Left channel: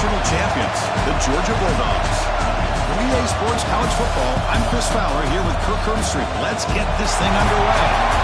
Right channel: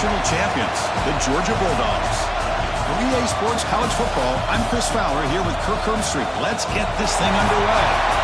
national champions, the Georgia Bulldogs. For EA Sports College Football, I'm Chris Fowler here with Kirk Herbstreit. Let's get this thing underway.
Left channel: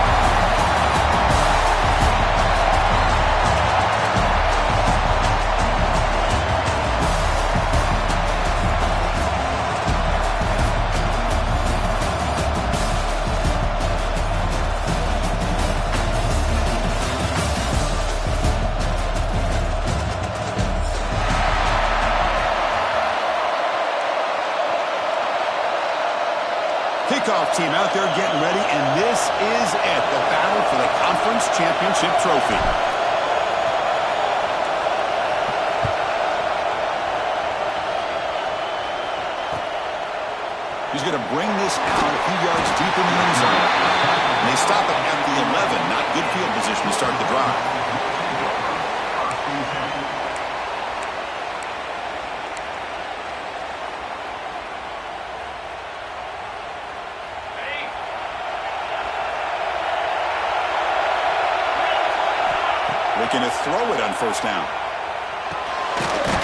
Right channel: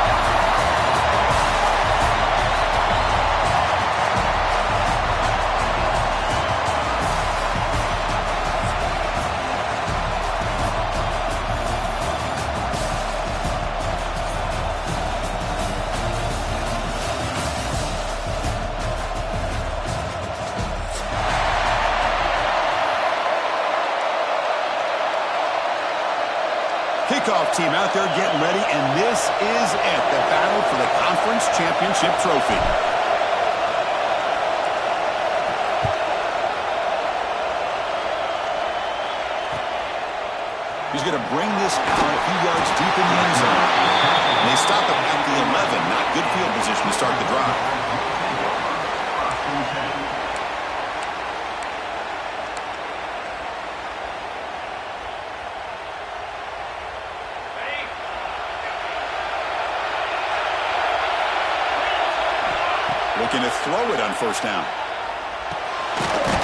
Kickoff team out there getting ready, and this is it, the battle for the conference championship trophy. He's going to bring this out a few yards deep in the end zone. And they stop him at the 11, not good field position to start the drive. Looking to throw it on first down.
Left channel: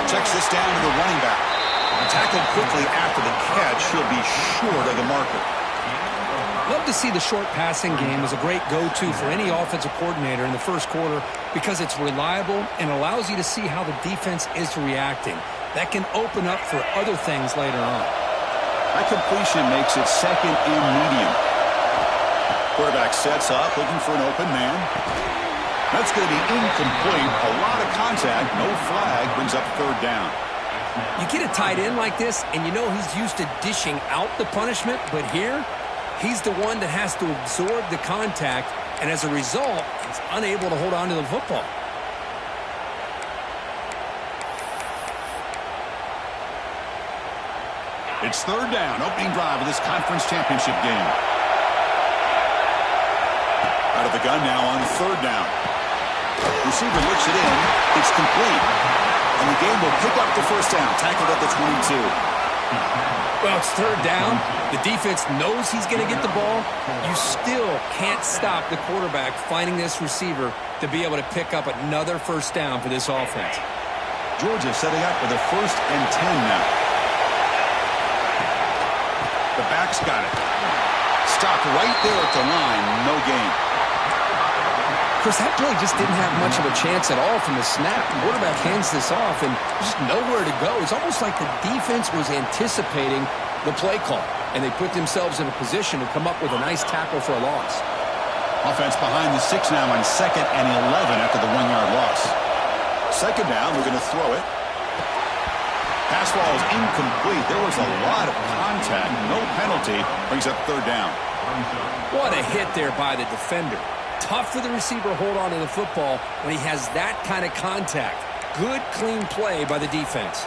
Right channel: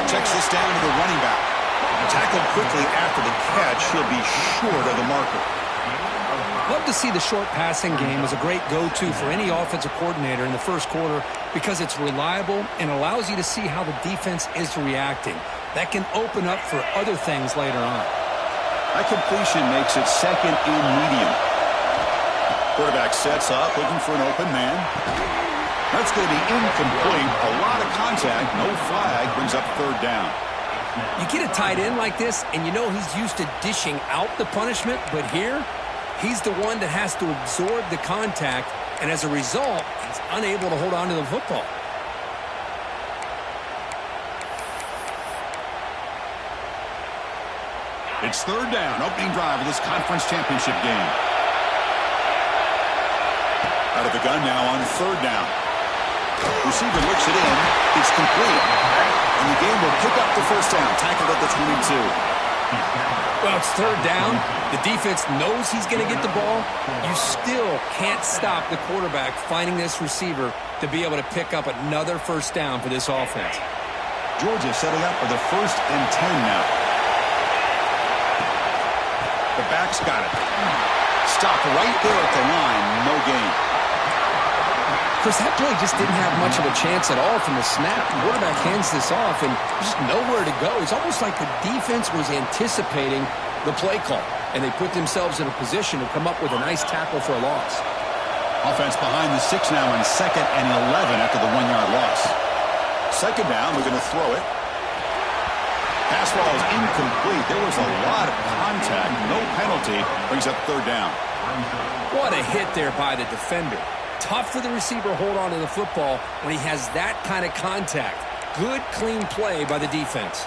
Checks this down to the running back. Tackled quickly after the catch. He'll be short of the marker. Love to see the short passing game as a great go-to for any offensive coordinator in the first quarter because it's reliable and allows you to see how the defense is reacting. That can open up for other things later on. That completion makes it second and medium. Quarterback sets up, looking for an open man. That's going to be incomplete. A lot of contact. No flag. Brings up third down. You get a tight end like this, and you know he's used to dishing out the punishment, but here, he's the one that has to absorb the contact, and as a result, he's unable to hold on to the football. It's third down. Opening drive of this conference championship game. Out of the gun now on third down. Receiver looks it in. It's complete. And the game will pick up the first down. Tackled at the 22. Well, it's third down. The defense knows he's going to get the ball. You still can't stop the quarterback finding this receiver to be able to pick up another first down for this offense. Georgia setting up for the 1st and 10 now. The back's got it. Stopped right there at the line. No gain. Chris, that play just didn't have much of a chance at all from the snap. The quarterback hands this off and just nowhere to go. It's almost like the defense was anticipating the play call, and they put themselves in a position to come up with a nice tackle for a loss. Offense behind the 6 now on 2nd and 11 after the 1-yard loss. Second down, we're going to throw it. Pass ball is incomplete. There was a lot of contact. No penalty. Brings up third down. What a hit there by the defender. Tough for the receiver to hold on to the football when he has that kind of contact. Good, clean play by the defense.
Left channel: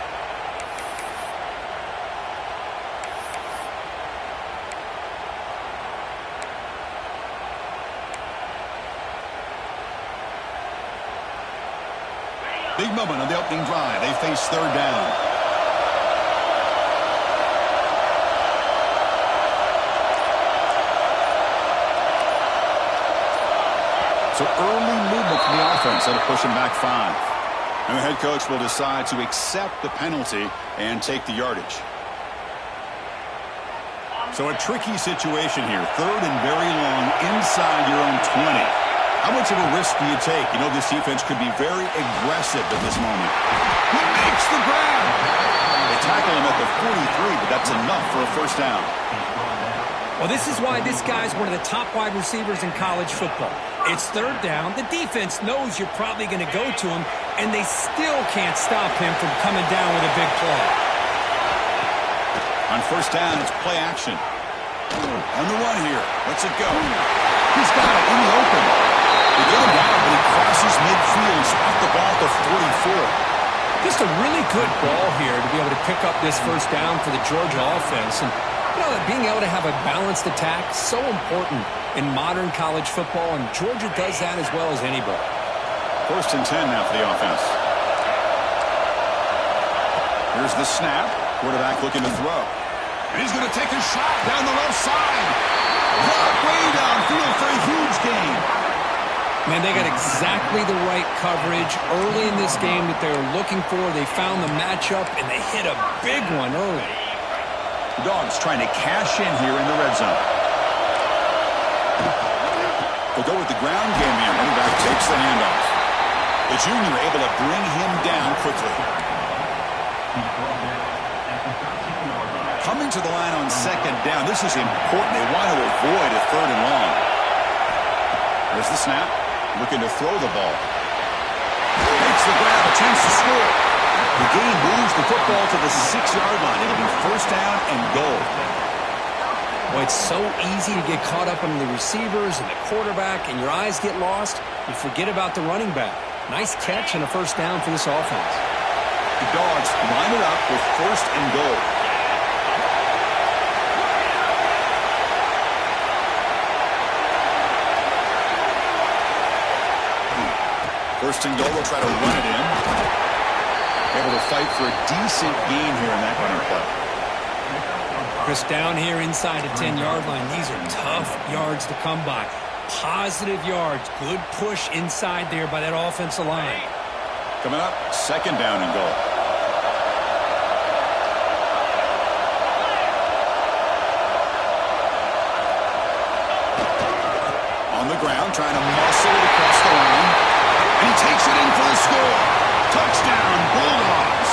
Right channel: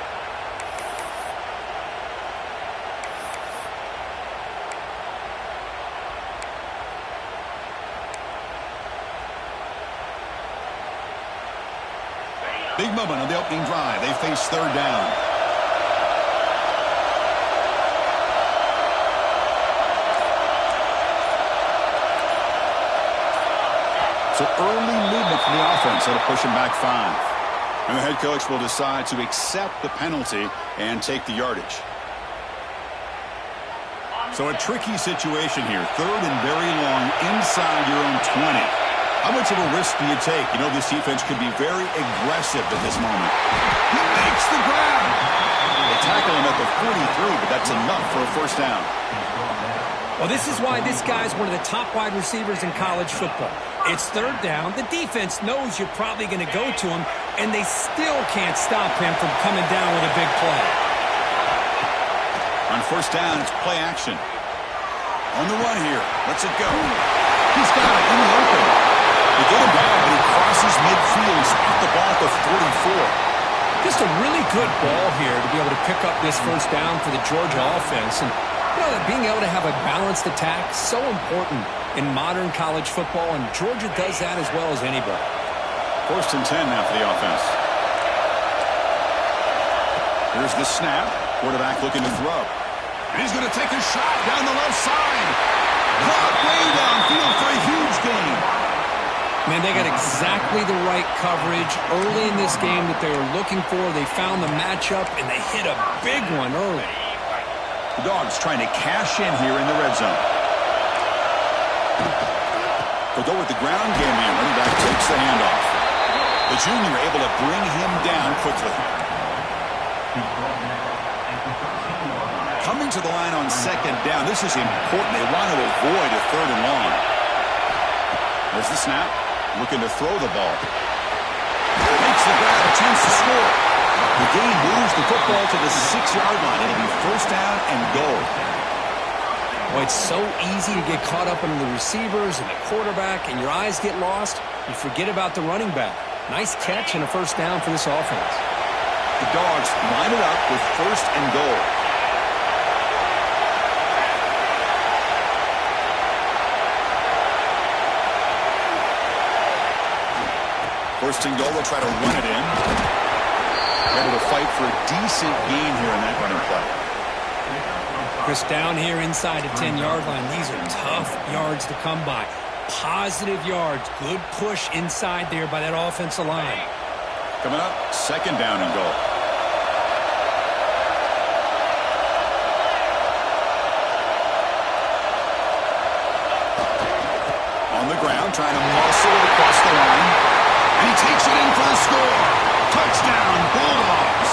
Big moment on the opening drive. They face third down. So early movement from the offense that'll push him back 5. And the head coach will decide to accept the penalty and take the yardage. So a tricky situation here. Third and very long inside your own 20. How much of a risk do you take? You know this defense could be very aggressive at this moment. He makes the grab. They tackle him at the 43, but that's enough for a first down. Well, this is why this guy's one of the top wide receivers in college football. It's third down. The defense knows you're probably going to go to him, and they still can't stop him from coming down with a big play. On first down, it's play action. On the run here. Let's it go. He's got it in the open. They get him down, but he crosses midfield. Spot the ball at the 44. Just a really good ball here to be able to pick up this first down for the Georgia offense. And you know, that being able to have a balanced attack is so important in modern college football, and Georgia does that as well as anybody. 1st and 10 now for the offense. Here's the snap. Quarterback looking to throw. And he's going to take a shot down the left side. Caught way downfield for a huge gain. Man, they got exactly the right coverage early in this game that they were looking for. They found the matchup, and they hit a big one early. The Dogs trying to cash in here in the red zone. They'll go with the ground game here. Running back takes the handoff. The junior able to bring him down quickly. Coming to the line on second down. This is important. They want to avoid a third and long. There's the snap. Looking to throw the ball. Makes the grab. A chance to score. The game moves the football to the 6-yard line. It'll be first down and goal. Boy, it's so easy to get caught up in the receivers and the quarterback, and your eyes get lost. You forget about the running back. Nice catch and a first down for this offense. The Dogs line it up with first and goal. First and goal, they'll try to run it in. Able to fight for a decent gain here in that running play. Chris, down here inside the 10-yard line, these are tough yards to come by. Positive yards, good push inside there by that offensive line. Coming up, second down and goal. On the ground, trying to muscle it across the line. And he takes it in for the score. Touchdown, Bulldogs.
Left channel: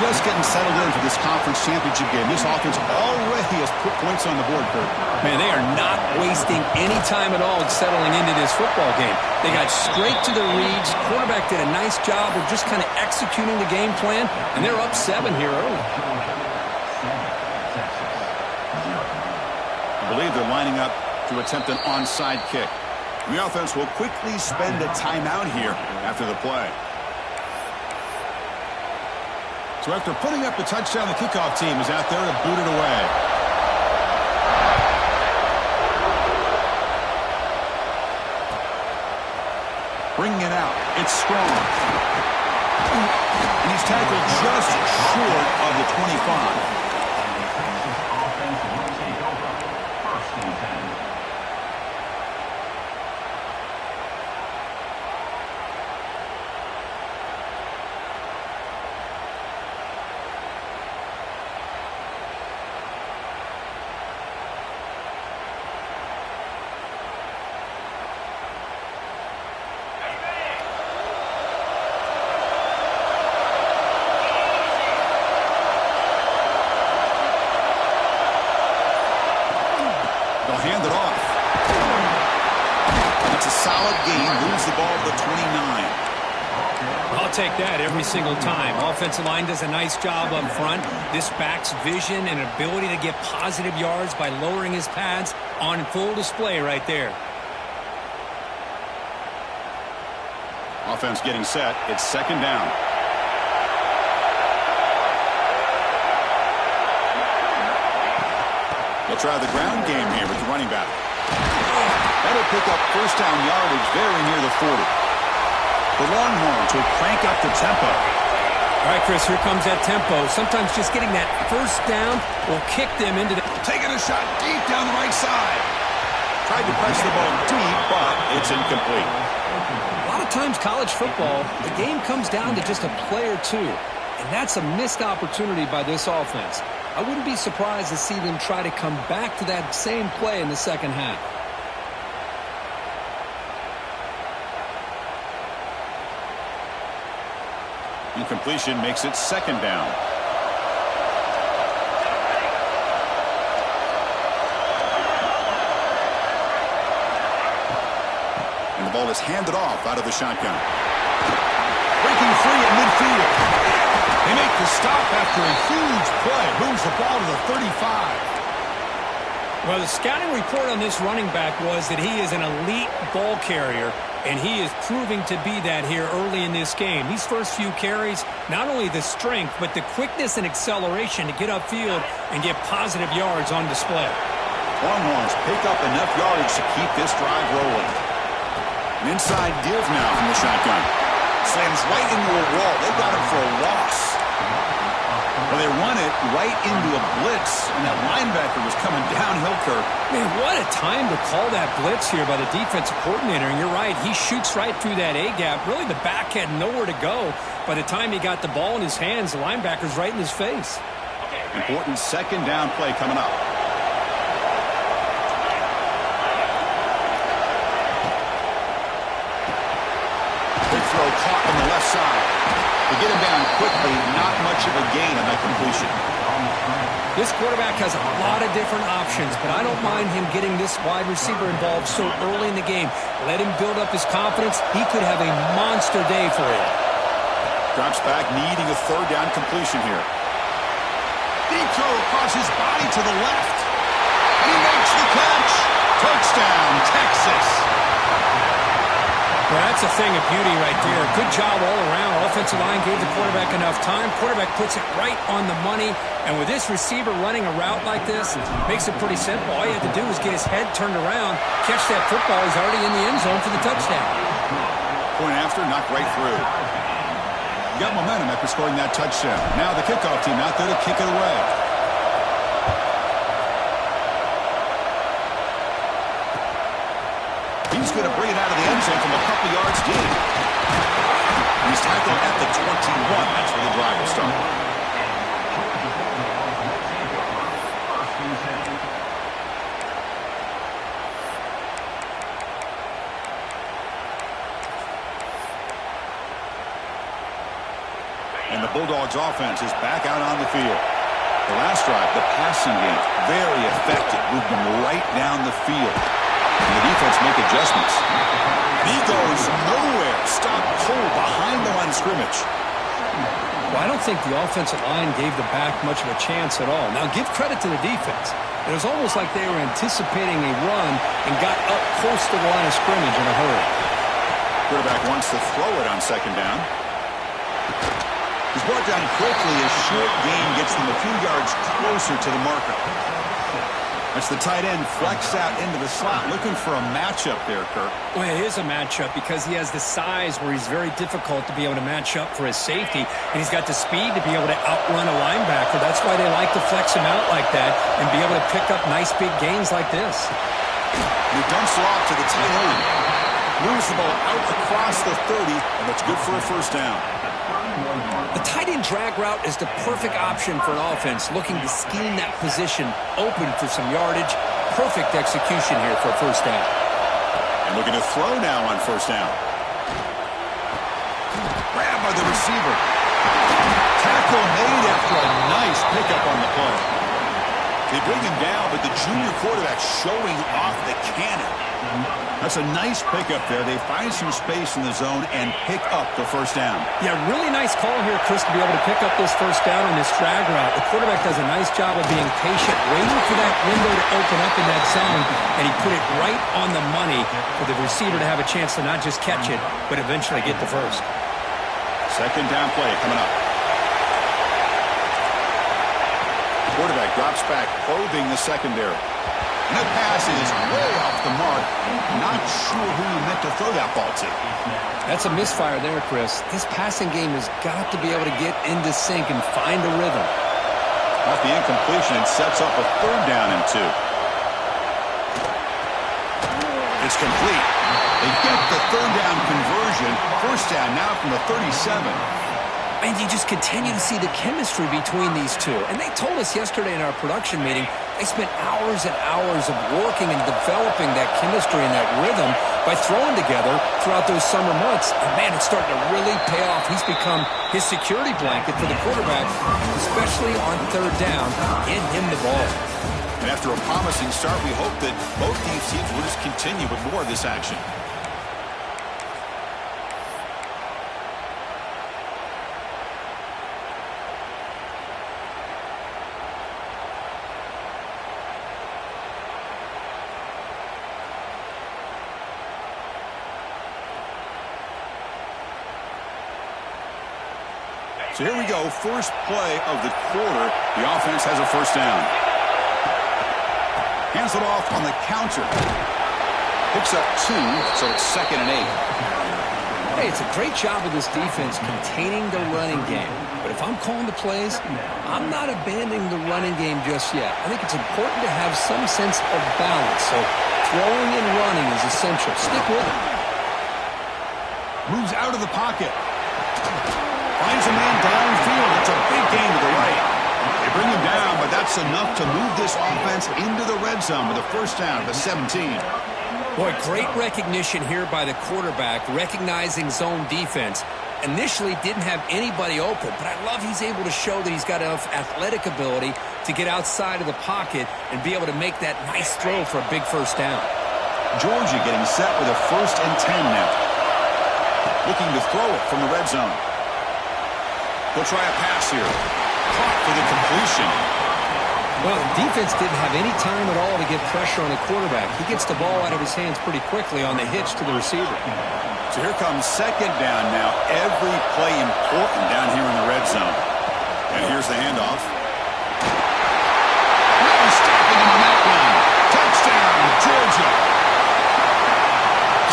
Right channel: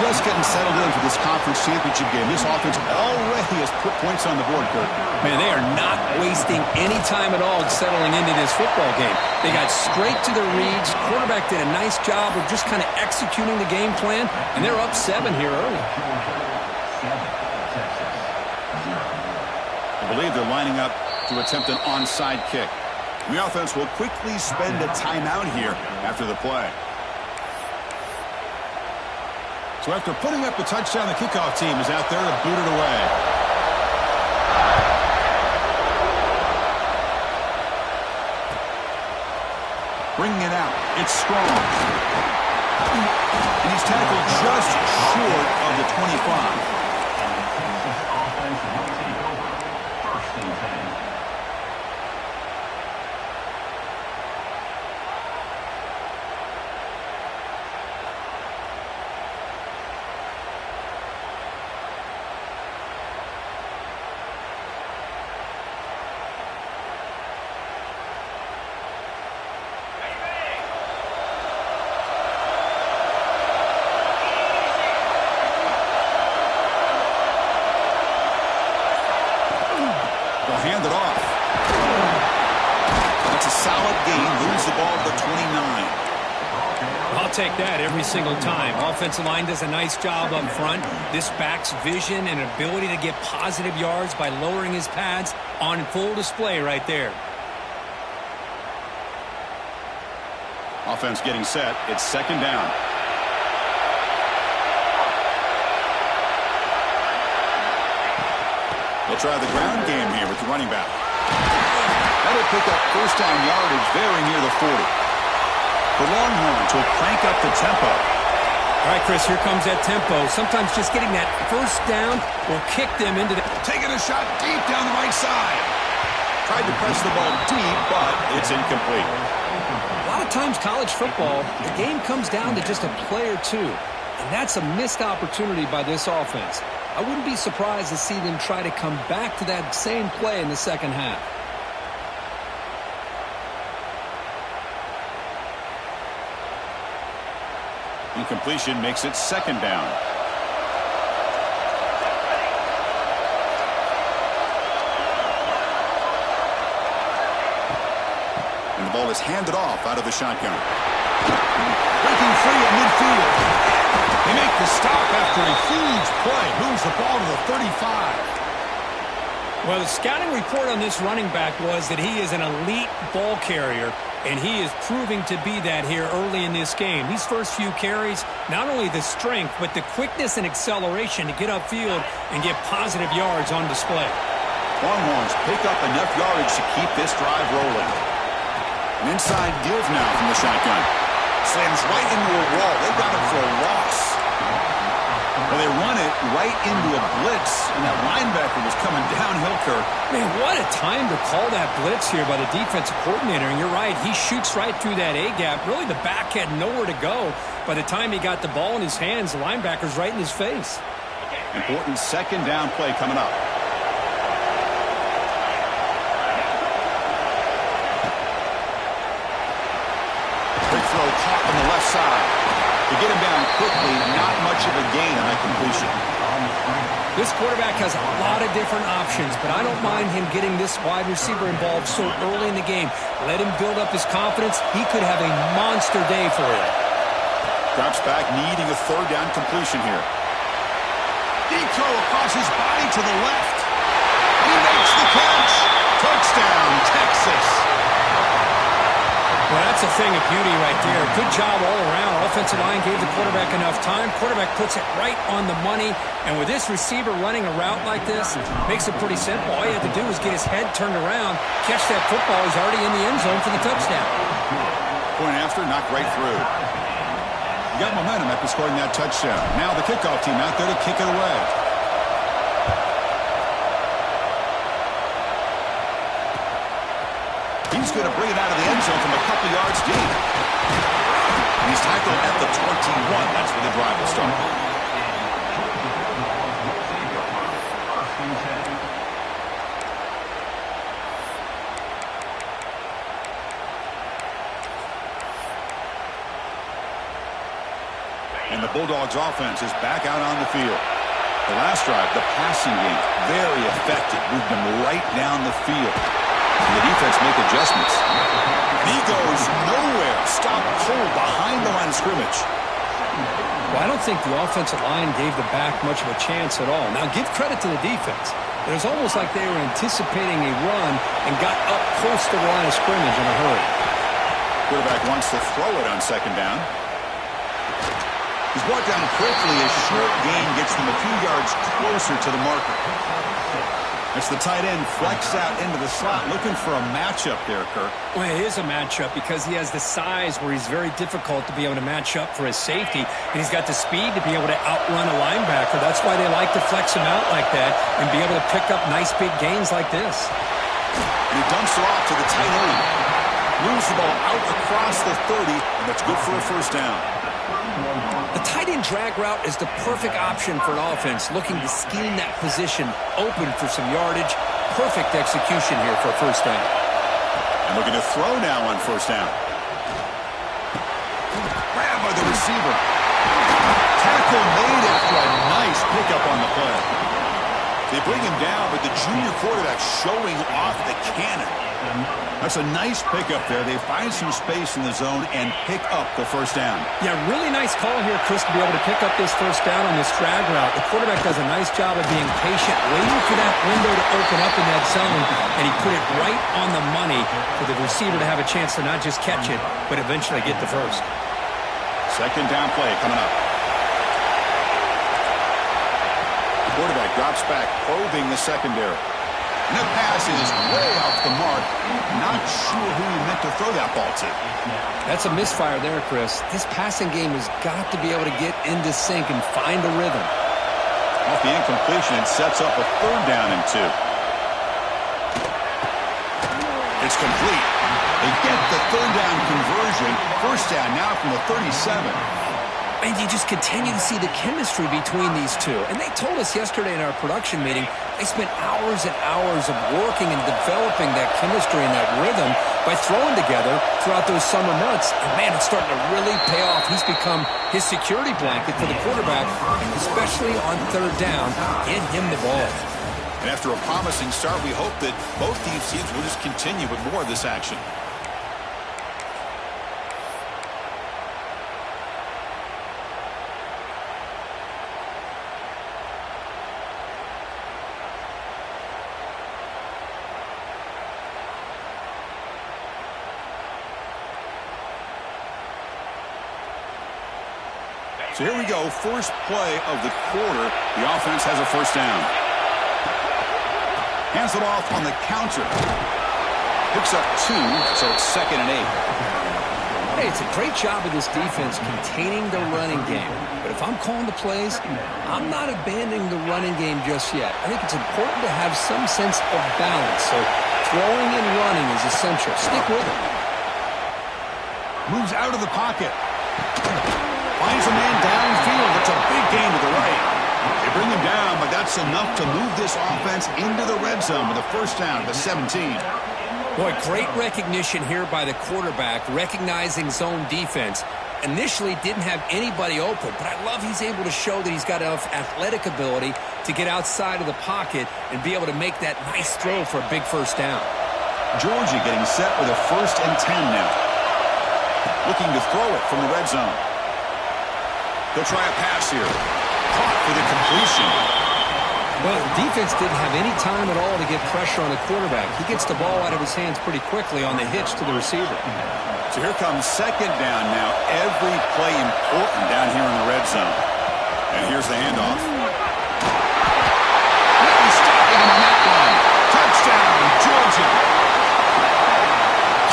Just getting settled in for this conference championship game. This offense already has put points on the board, Kurt. Man, they are not wasting any time at all settling into this football game. They got straight to their reads. Quarterback did a nice job of just kind of executing the game plan, and they're up 7 here early. I believe they're lining up to attempt an onside kick. The offense will quickly spend a timeout here after the play. So after putting up the touchdown, the kickoff team is out there to boot it away. Bringing it out. It's strong. And he's tackled just short of the 25. And the Texas offense will take over. First and 10. Hand it off. That's a solid gain. Moves the ball to the 29. I'll take that every single time. Offensive line does a nice job up front. This back's vision and ability to get positive yards by lowering his pads on full display right there. Offense getting set. It's second down. They'll try the ground game here with the running back. That'll pick up first down yardage very near the 40. The Longhorns will crank up the tempo. All right, Chris, here comes that tempo. Sometimes just getting that first down will kick them into the... Taking a shot deep down the right side. Tried to press the ball deep, but it's incomplete. A lot of times college football, the game comes down to just a play or two. And that's a missed opportunity by this offense. I wouldn't be surprised to see them try to come back to that same play in the second half. Incompletion makes it second down. And the ball is handed off out of the shotgun. Breaking free at midfield. They make the stop after a huge play. Moves the ball to the 35. Well, the scouting report on this running back was that he is an elite ball carrier, and he is proving to be that here early in this game. These first few carries, not only the strength, but the quickness and acceleration to get upfield and get positive yards on display. Longhorns pick up enough yardage to keep this drive rolling. An inside give now from the shotgun. Slams right into a wall. They got him for a loss. Well, they run it right into a blitz, and that linebacker was coming downhill, Kirk. Man, what a time to call that blitz here by the defensive coordinator. And you're right, he shoots right through that A-gap. Really, the back had nowhere to go. By the time he got the ball in his hands, the linebacker's right in his face. Important second down play coming up. Quick throw caught on the left side. To get him down quickly, not much of a gain on that completion. This quarterback has a lot of different options, but I don't mind him getting this wide receiver involved so early in the game. Let him build up his confidence. He could have a monster day for you. Drops back, needing a third down completion here. Deep throw across his body to the left. And he makes the catch. Touchdown, Texas. Well, that's a thing of beauty right there. Good job all around. Offensive line gave the quarterback enough time. Quarterback puts it right on the money. And with this receiver running a route like this, makes it pretty simple. All you have to do is get his head turned around, catch that football. He's already in the end zone for the touchdown. Point after, knocked right through. Got momentum after scoring that touchdown. Now the kickoff team out there to kick it away. He's going to bring it out of the end zone from a couple yards deep. And he's tackled at the 21. That's where the drive will start. And the Bulldogs offense is back out on the field. The last drive, the passing game, very effective. Moved them right down the field. And the defense make adjustments. And he goes nowhere. Stopped cold behind the line of scrimmage. Well, I don't think the offensive line gave the back much of a chance at all. Now, give credit to the defense. It was almost like they were anticipating a run and got up close to the line of scrimmage in a hurry. Quarterback wants to throw it on second down. He's brought down quickly. A short gain gets them a few yards closer to the marker. That's the tight end flex out into the slot, looking for a matchup there, Kirk. Well, it is a matchup because he has the size where he's very difficult to be able to match up for his safety, and he's got the speed to be able to outrun a linebacker. That's why they like to flex him out like that and be able to pick up nice big gains like this. And he dumps it off to the tight end. Moves the ball out across the 30, and that's good for a first down. The tight end drag route is the perfect option for an offense looking to scheme that position open for some yardage. Perfect execution here for a first down. And looking to throw now on first down. Grabbed by the receiver. Tackle made after a nice pickup on the play. They bring him down, but the junior quarterback showing off the cannon. That's a nice pickup there. They find some space in the zone and pick up the first down. Yeah, really nice call here, Chris, to be able to pick up this first down on this drag route. The quarterback does a nice job of being patient, waiting for that window to open up in that zone, and he put it right on the money for the receiver to have a chance to not just catch it, but eventually get the first. Second down play coming up. Quarterback drops back, probing the secondary. And that pass is way off the mark. Not sure who he meant to throw that ball to. That's a misfire there, Chris. This passing game has got to be able to get into sync and find a rhythm. Off the incompletion, it sets up a third down and 2. It's complete. They get the third down conversion. First down now from the 37. And you just continue to see the chemistry between these two. And they told us yesterday in our production meeting, they spent hours and hours of working and developing that chemistry and that rhythm by throwing together throughout those summer months. And, man, it's starting to really pay off. He's become his security blanket for the quarterback, especially on third down, get him the ball. And after a promising start, we hope that both these teams will just continue with more of this action. So here we go, first play of the quarter. The offense has a first down. Hands it off on the counter. Picks up 2, so it's 2nd and 8. Hey, it's a great job of this defense containing the running game. But if I'm calling the plays, I'm not abandoning the running game just yet. I think it's important to have some sense of balance. So throwing and running is essential. Stick with it. Moves out of the pocket. Finds a man downfield. That's a big gain to the right. They bring him down, but that's enough to move this offense into the red zone with a first down, the 17. Boy, great recognition here by the quarterback, recognizing zone defense. Initially didn't have anybody open, but I love he's able to show that he's got enough athletic ability to get outside of the pocket and be able to make that nice throw for a big first down. Georgia getting set with a 1st and 10 now. Looking to throw it from the red zone. They'll try a pass here. Caught for the completion. Well, the defense didn't have any time at all to get pressure on the quarterback. He gets the ball out of his hands pretty quickly on the hitch to the receiver. So here comes 2nd down now. Every play important down here in the red zone. And here's the handoff. No stopping him on that run. Touchdown, Georgia.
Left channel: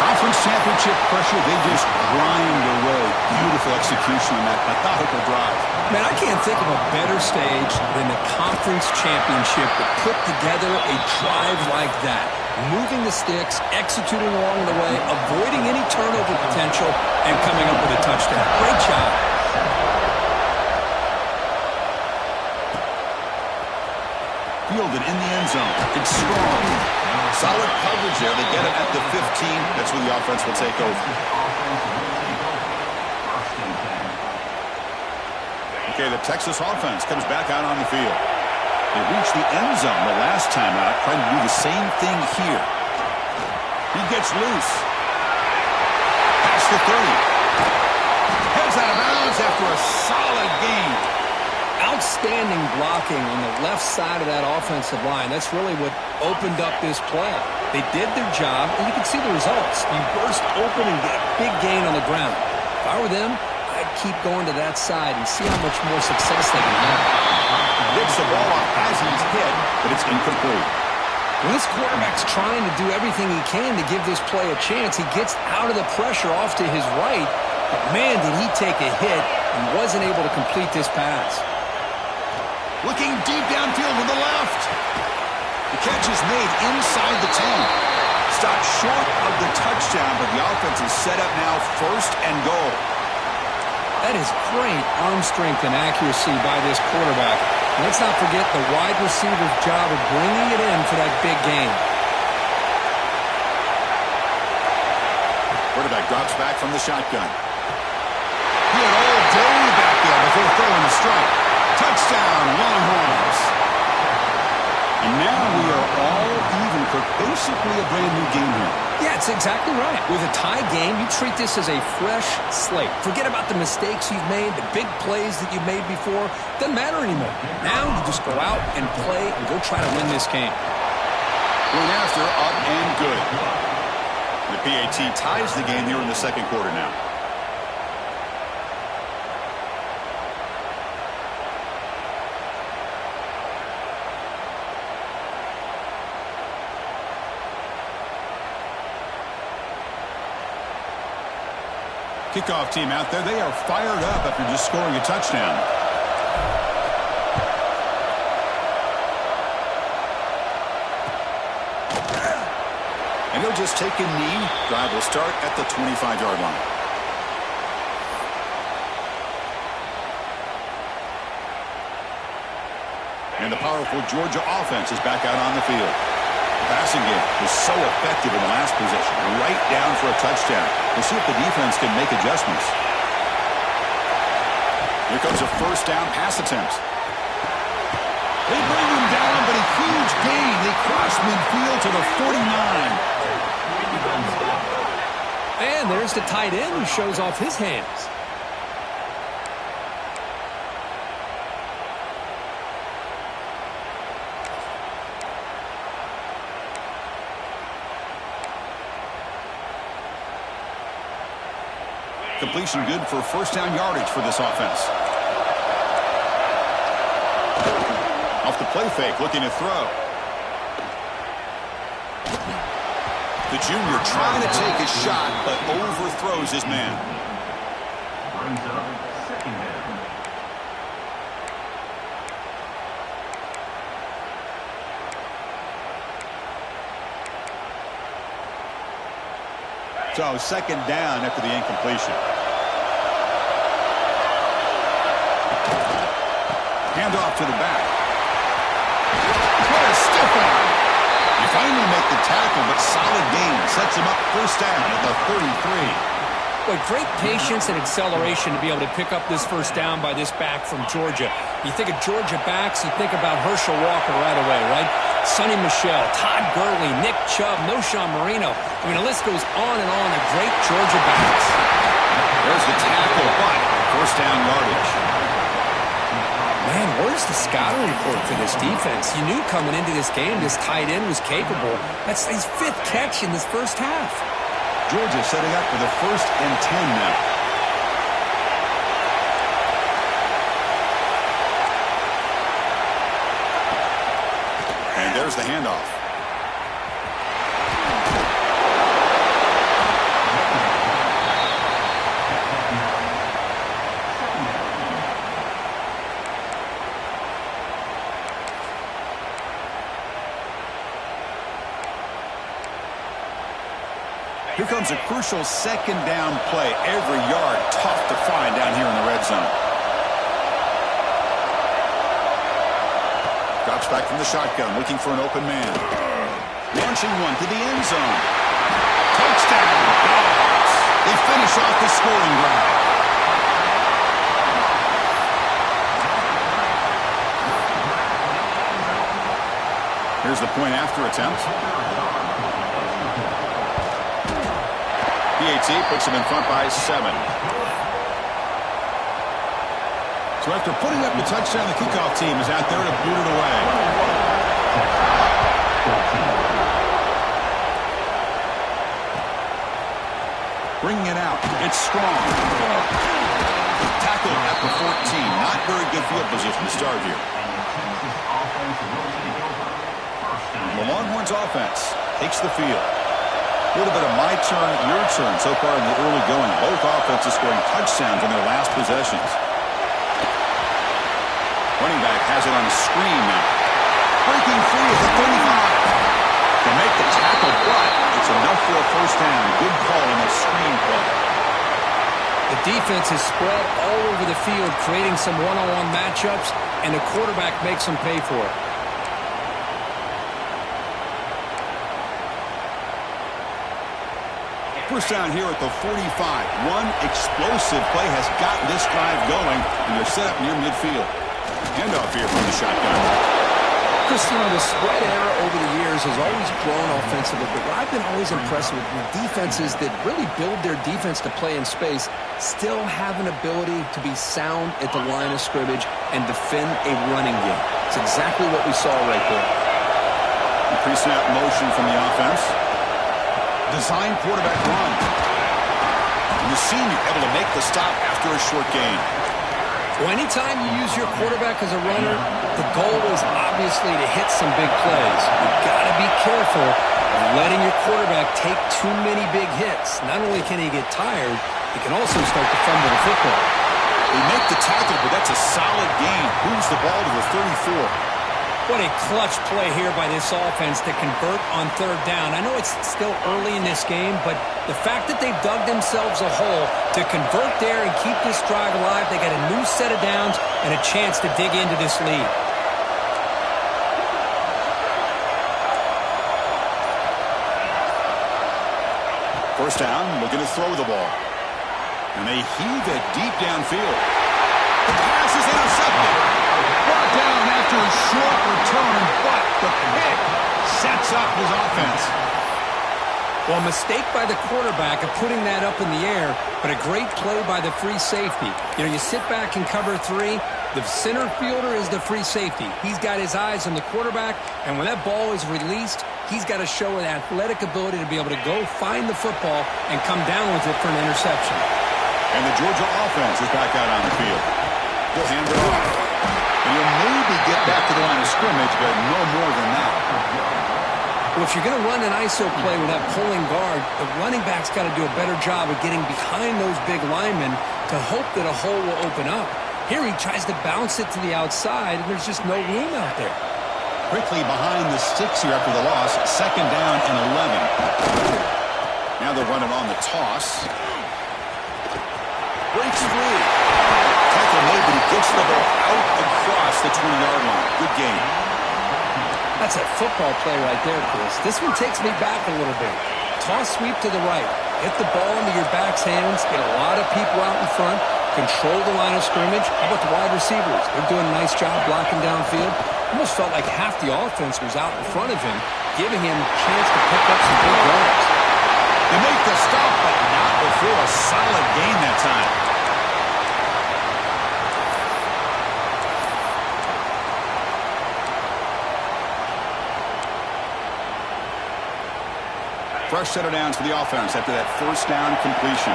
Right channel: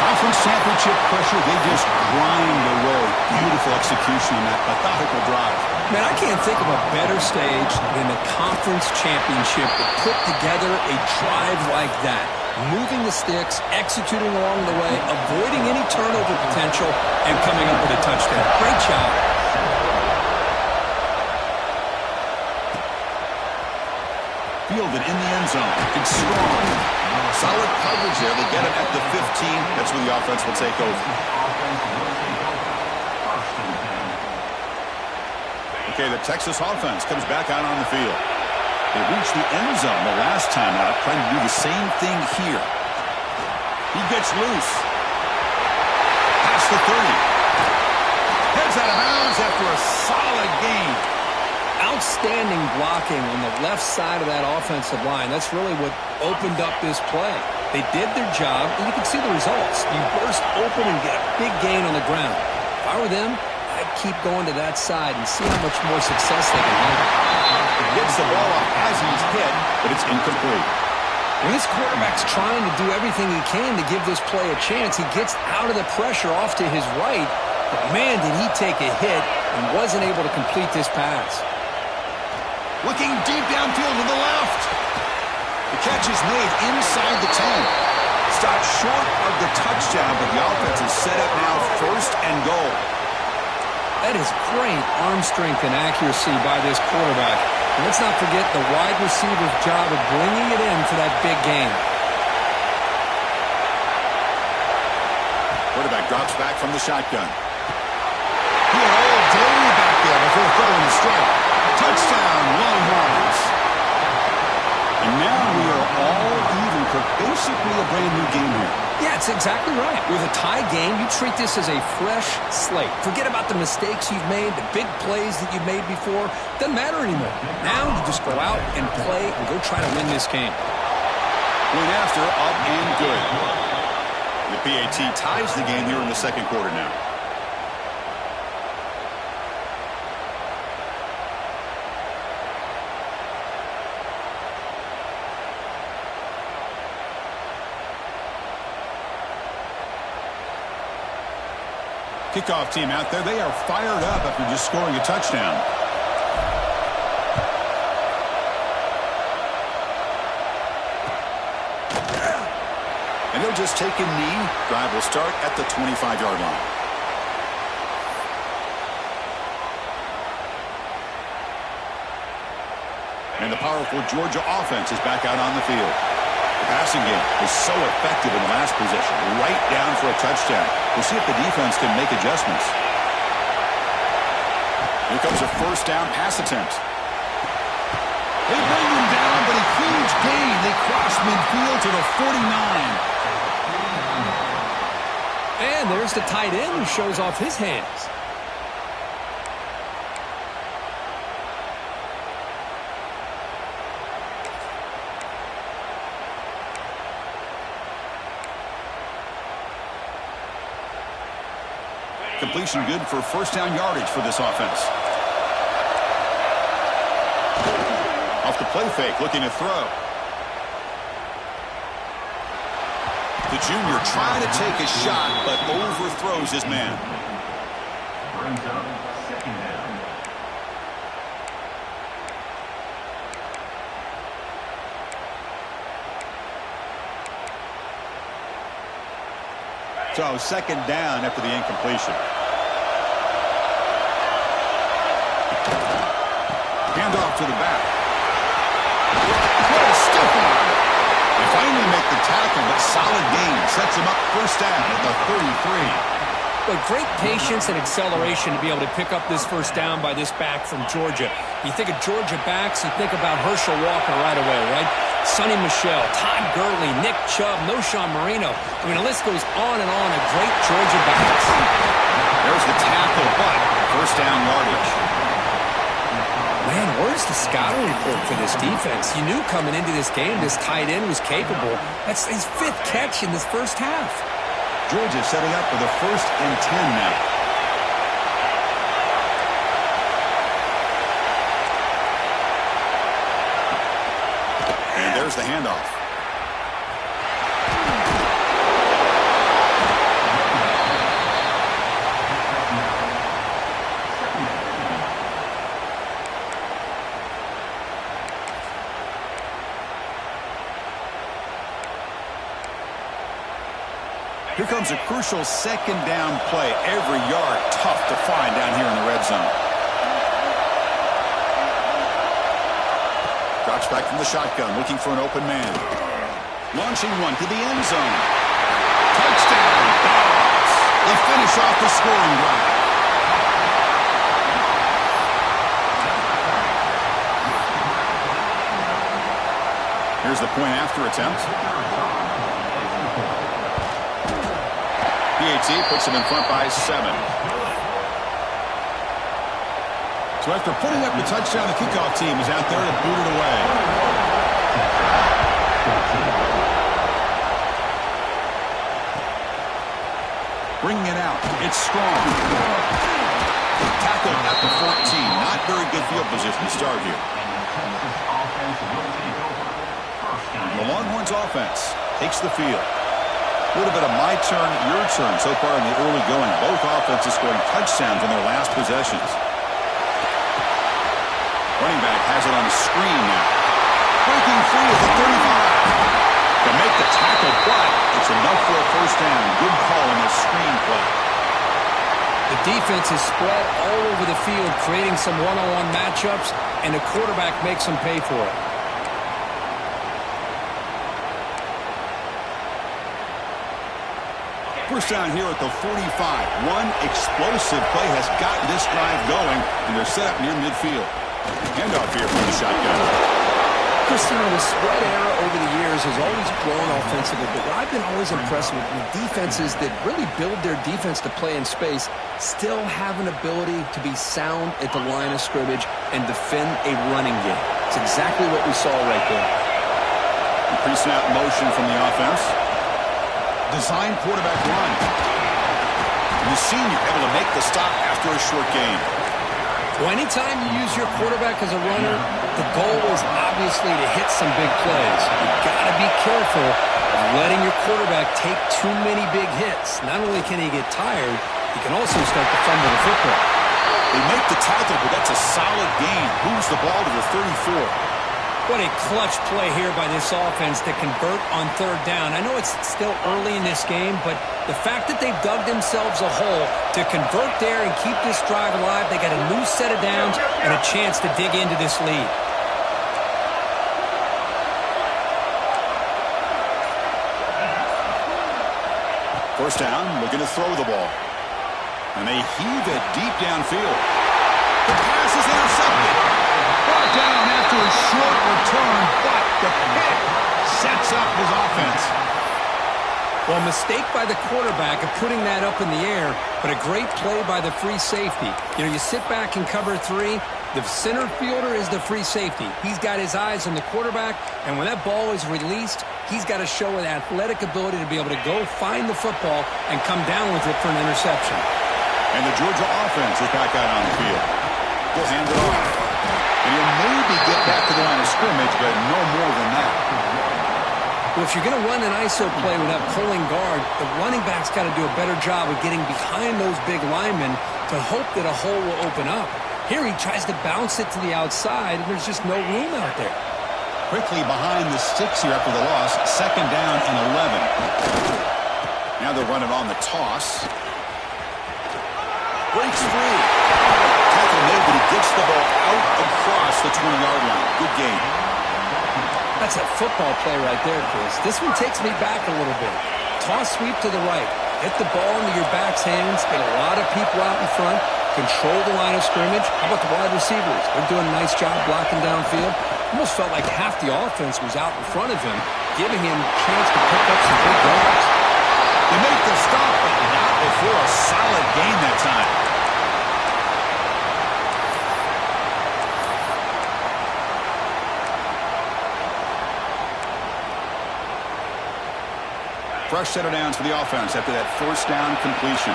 Conference championship pressure, they just grind away. Beautiful execution on that methodical drive. Man, I can't think of a better stage than the conference championship to put together a drive like that. Moving the sticks, executing along the way, avoiding any turnover potential, and coming up with a touchdown. Great job. Fielded in the end zone. It's strong. Solid coverage there. They get it at the 15. That's where the offense will take over. Okay, the Texas offense comes back out on the field. They reached the end zone the last time out, trying to do the same thing here. He gets loose. Past the 30. Heads out of bounds after a solid gain. Outstanding blocking on the left side of that offensive line. That's really what opened up this play. They did their job, and you can see the results. You burst open and get a big gain on the ground. If I were them, I'd keep going to that side and see how much more success they can have. Gets the ball off as he's hit, but it's incomplete. When this quarterback's trying to do everything he can to give this play a chance, he gets out of the pressure off to his right, but man, did he take a hit and wasn't able to complete this pass. Looking deep downfield to the left. The catch is made inside the 10. Stopped short of the touchdown, but the offense is set up now 1st and goal. That is great arm strength and accuracy by this quarterback. And let's not forget the wide receiver's job of bringing it in for that big gain. Quarterback drops back from the shotgun. He had all day back there before throwing the strike. Touchdown, Longhorns. And now we are all even for basically a brand new game here. Yeah, it's exactly right. With a tie game, you treat this as a fresh slate. Forget about the mistakes you've made, the big plays that you've made before. Doesn't matter anymore. Now you just go out and play and go try to win this game. Going after, up and good. The PAT ties the game here in the 2nd quarter now. Kickoff team out there. They are fired up after just scoring a touchdown. And he'll just take a knee. Drive will start at the 25-yard line. And the powerful Georgia offense is back out on the field. The passing game was so effective in the last possession. Right down for a touchdown. We'll see if the defense can make adjustments. Here comes a 1st down pass attempt. They bring him down, but a huge gain. They cross midfield to the 49. And there's the tight end who shows off his hands. Completion good for 1st down yardage for this offense. Off the play fake, looking to throw. The junior trying to take a shot, but overthrows his man. Brings up second down. So second down after the incompletion. Hand off to the back. What a stiff arm. They finally make the tackle, but solid gain. Sets him up first down at the 33. But great patience and acceleration to be able to pick up this first down by this back from Georgia. You think of Georgia backs, you think about Herschel Walker right away, right? Sonny Michel, Todd Gurley, Nick Chubb, Noshawn Marino. I mean, the list goes on and on of great Georgia backs. There's the tackle, but first down yardage. Man, where's the scouting report for this defense? You knew coming into this game this tight end was capable. That's his 5th catch in this first half. Georgia setting up for the 1st and 10 now. And there's the handoff. Here comes a crucial second down play. Every yard tough to find down here in the red zone. Drops back from the shotgun, looking for an open man. Launching one to the end zone. Touchdown, Dogs. They finish off the scoring drive. Here's the point after attempt. PAT puts him in front by 7. So after putting up the touchdown, the kickoff team is out there to boot it away. Bringing it out. It's strong. Tackled at the 14. Not very good field position to start here. The Longhorns offense takes the field. A little bit of my turn, your turn so far in the early going. Both offenses scoring touchdowns in their last possessions. Running back has it on a screen now. Breaking free at the 35. To make the tackle, but it's enough for a first down. Good call on the screen play. The defense is spread all over the field, creating some one-on-one matchups, and the quarterback makes them pay for it. First down here at the 45. One explosive play has gotten this drive going, and they're set up near midfield. Handoff here from the shotgun. Chris, you know, the spread era over the years has always grown offensively, but what I've been always impressed with defenses that really build their defense to play in space still have an ability to be sound at the line of scrimmage and defend a running game. It's exactly what we saw right there. Pre-snap motion from the offense. Design quarterback run. And the senior able to make the stop after a short gain. Well, anytime you use your quarterback as a runner, the goal is obviously to hit some big plays. You've got to be careful of letting your quarterback take too many big hits. Not only can he get tired, he can also start to fumble the football. They make the tackle, but that's a solid gain. Moves the ball to the 34. What a clutch play here by this offense to convert on third down. I know it's still early in this game, but the fact that they've dug themselves a hole to convert there and keep this drive alive, they got a new set of downs and a chance to dig into this lead. First down, looking to throw the ball. And they heave it deep downfield. The pass is intercepted. Brought down after a short return, but the pick sets up his offense. Well, a mistake by the quarterback of putting that up in the air, but a great play by the free safety. You know, you sit back in cover 3, the center fielder is the free safety. He's got his eyes on the quarterback, and when that ball is released, he's got to show an athletic ability to be able to go find the football and come down with it for an interception. And the Georgia offense is back out on the field. We'll hand it off. And you'll maybe get back to the line of scrimmage, but no more than that. Well, if you're going to run an ISO play with that pulling guard, the running back's got to do a better job of getting behind those big linemen to hope that a hole will open up. Here he tries to bounce it to the outside, and there's just no room out there. Quickly behind the sticks here after the loss. 2nd down and 11. Now they'll run it on the toss. Breaks free. Tackle made, but he gets the ball out across the 20-yard line. Good game. That's a football play right there, Chris. This one takes me back a little bit. Toss sweep to the right. Get the ball into your back's hands. Get a lot of people out in front. Control the line of scrimmage. How about the wide receivers? They're doing a nice job blocking downfield. Almost felt like half the offense was out in front of him, giving him a chance to pick up some big yards. They make the stop, but not before a solid gain that time. Fresh set of downs for the offense after that 1st down completion.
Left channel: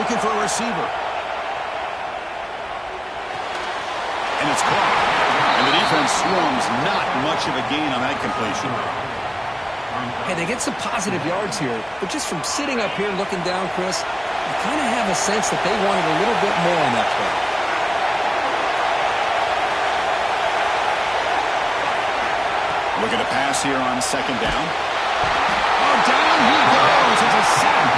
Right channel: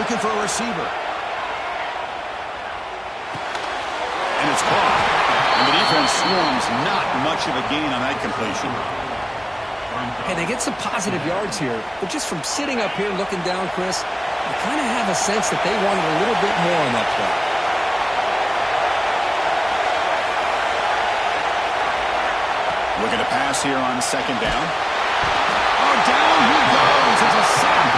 Looking for a receiver. And it's caught. And the defense swarms. Not much of a gain on that completion. Hey, they get some positive yards here, but just from sitting up here looking down, Chris, you kind of have a sense that they wanted a little bit more on that play. Looking to pass here on 2nd down. Oh, down he goes. It's a sack.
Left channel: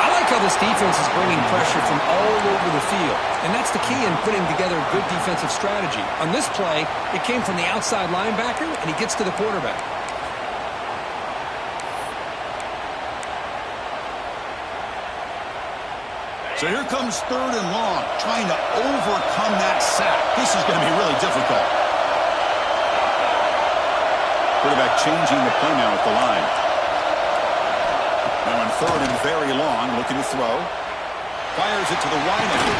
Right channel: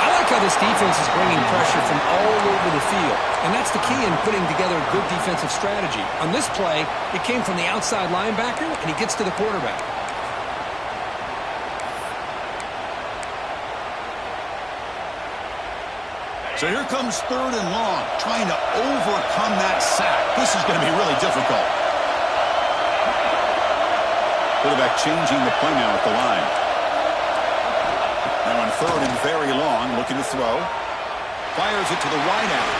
I like how this defense is bringing pressure from all over the field, and that's the key in putting together a good defensive strategy. On this play, it came from the outside linebacker, and he gets to the quarterback. So here comes 3rd and long, trying to overcome that sack. This is going to be really difficult. Quarterback changing the play now at the line. Now on 3rd and very long, looking to throw. Fires it to the wide end.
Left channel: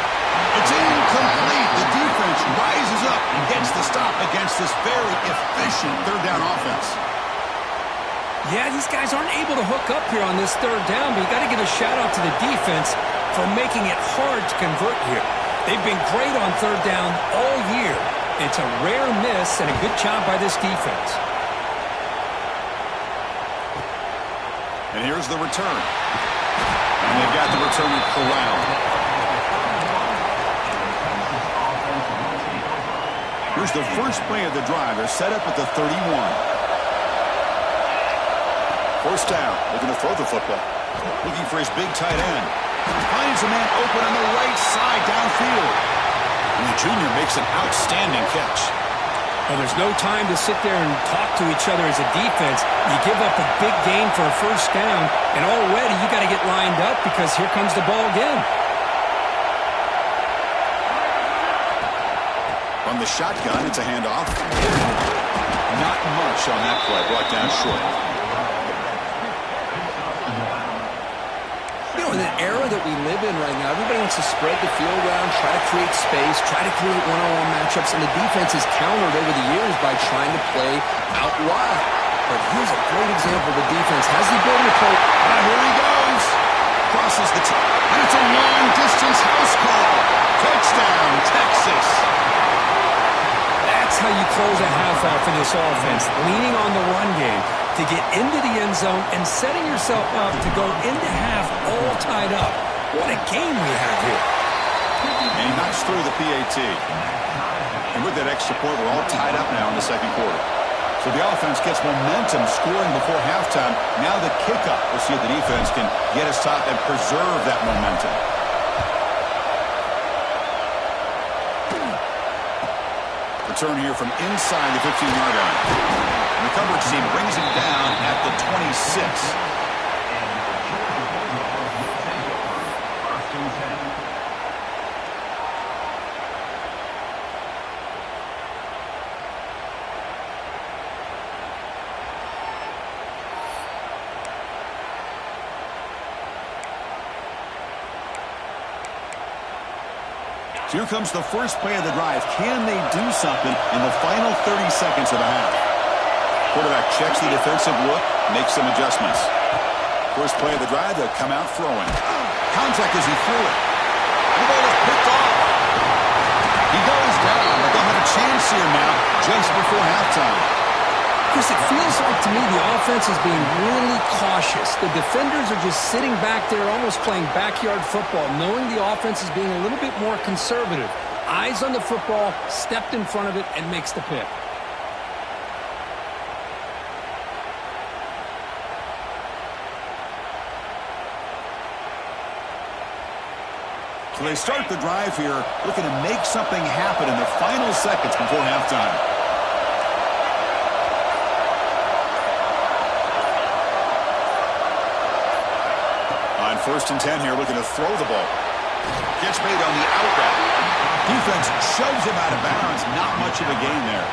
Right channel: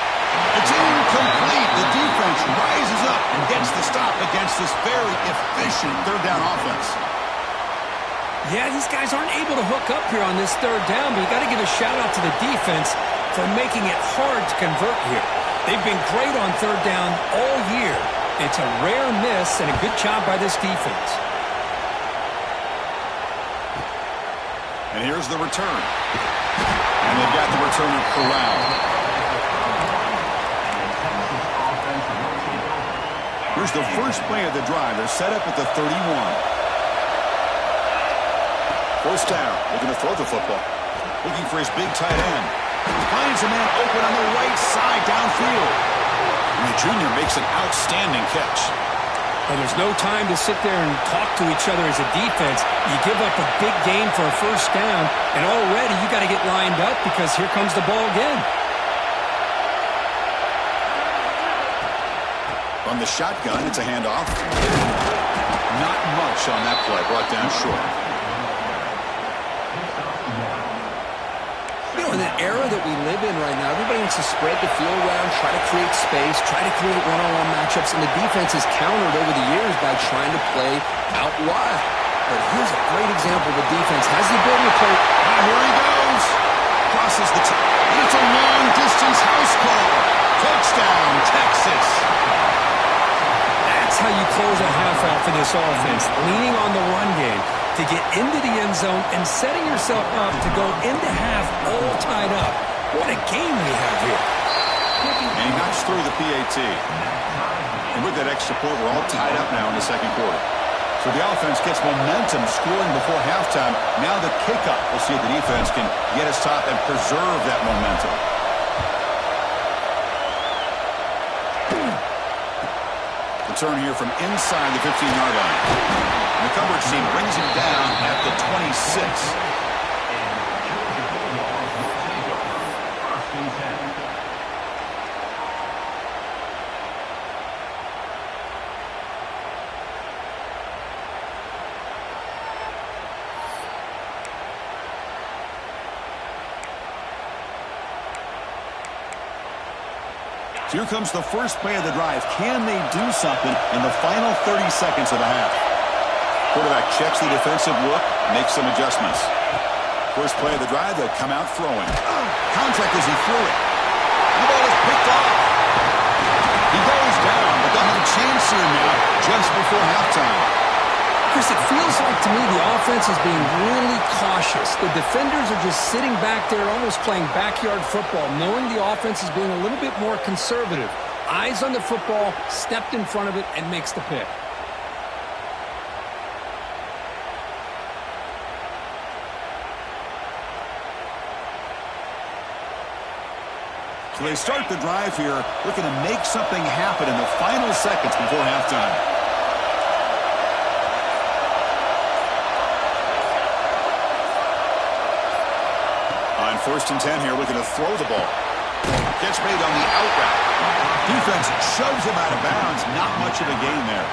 It's incomplete. The defense rises up and gets the stop against this very efficient 3rd down offense. Yeah, these guys aren't able to hook up here on this 3rd down, but you got to give a shout-out to the defense for making it hard to convert here. They've been great on 3rd down all year. It's a rare miss and a good job by this defense. And here's the return. And they've got the returner corralled. Here's the first play of the drive. They're set up at the 31. 1st down. Looking to throw the football. Looking for his big tight end. Finds a man open on the right side downfield. And the junior makes an outstanding catch. Well, there's no time to sit there and talk to each other as a defense. You give up a big gain for a 1st down, and already you got to get lined up because here comes the ball again. From the shotgun, it's a handoff. Not much on that play, brought down short. You know, in the era that we live in right now, everybody wants to spread the field around, try to create space, try to create one-on-one matchups, and the defense is countered over the years by trying to play out wide. But here's a great example of the defense has the ability to play. Here he goes. Crosses the and it's a long-distance house call. Touchdown, Texas. That's how you close a half out for this offense, leaning on the run game to get into the end zone and setting yourself up to go into half all tied up. What a game we have here. And he knocks through the PAT. And with that extra point, we're all tied up now in the 2nd quarter. So the offense gets momentum scoring before halftime. Now the kickoff. We'll see if the defense can get us top and preserve that momentum. Return here from inside the 15-yard line. And the coverage team brings him down at the 26. So here comes the first play of the drive. Can they do something in the final 30 seconds of the half? Quarterback checks the defensive look, makes some adjustments. First play of the drive, they'll come out throwing. Contact as he threw it. The ball is picked off. He goes down, but they'll have a chance here now just before halftime. Chris, it feels like to me the offense is being really cautious. The defenders are just sitting back there almost playing backyard football, knowing the offense is being a little bit more conservative. Eyes on the football, stepped in front of it, and makes the pick. So they start the drive here, looking to make something happen in the final seconds before halftime. On 1st and 10 here, looking to throw the ball. Catch made on the out route. Defense shoves him out of bounds. Not much of a gain there.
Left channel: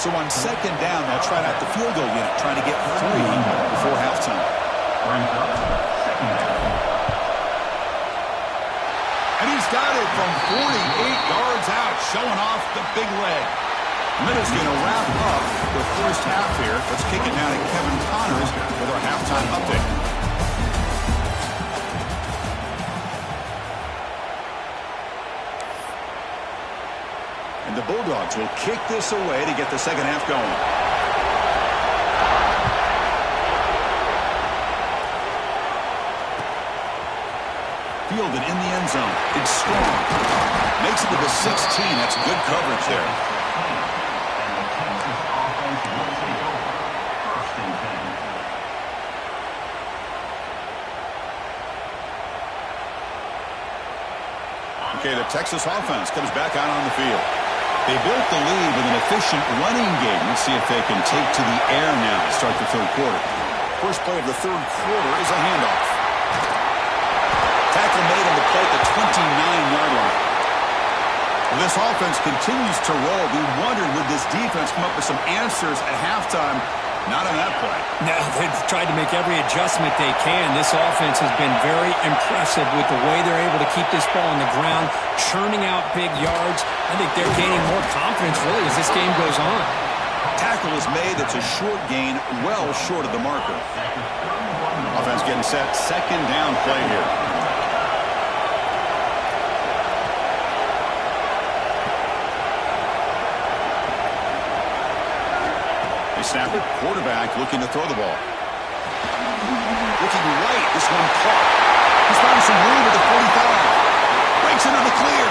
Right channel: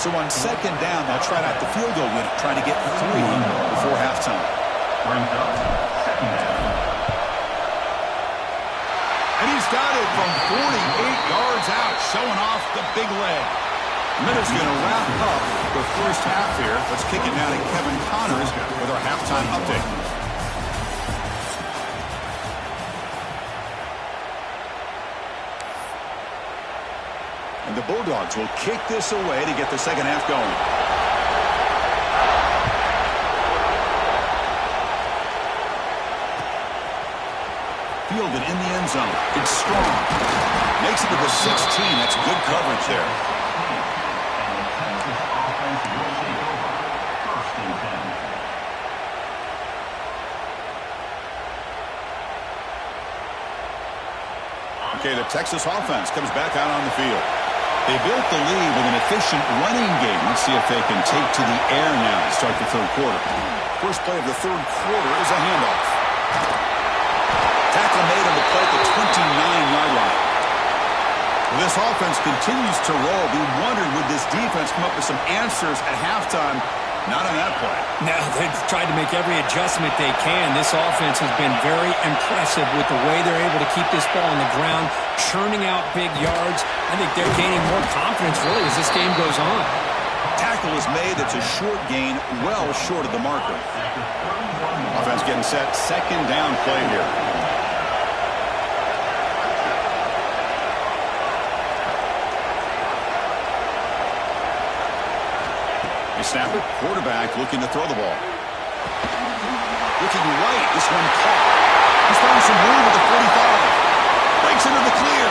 So on 2nd down, they'll try out the field goal unit, trying to get 3 before halftime. Brings up 2nd down. And he's got it from 48 yards out, showing off the big leg. Minutes going to wrap up the first half here. Let's kick it now to Kevin Connors with our halftime update. And the Bulldogs will kick this away to get the second half going. Fielded in the end zone. It's strong. Makes it to the 16. That's good coverage there. And the Texas offense will take over. 1st and 10. Okay, the Texas offense comes back out on the field. They built the lead with an efficient running game. Let's see if they can take to the air now to start the 3rd quarter. First play of the 3rd quarter is a handoff. Tackle made on the play at the 29-yard line. Well, this offense continues to roll. We wondered, would this defense come up with some answers at halftime? Not on that play. Now they've tried to make every adjustment they can. This offense has been very impressive with the way they're able to keep this ball on the ground, churning out big yards. I think they're gaining more confidence, really, as this game goes on. Tackle is made. It's a short gain, well short of the marker. Offense getting set. 2nd down play here. They snap it. Quarterback looking to throw the ball. Looking right. This one caught. He's found some room at the 45. Breaks into the clear.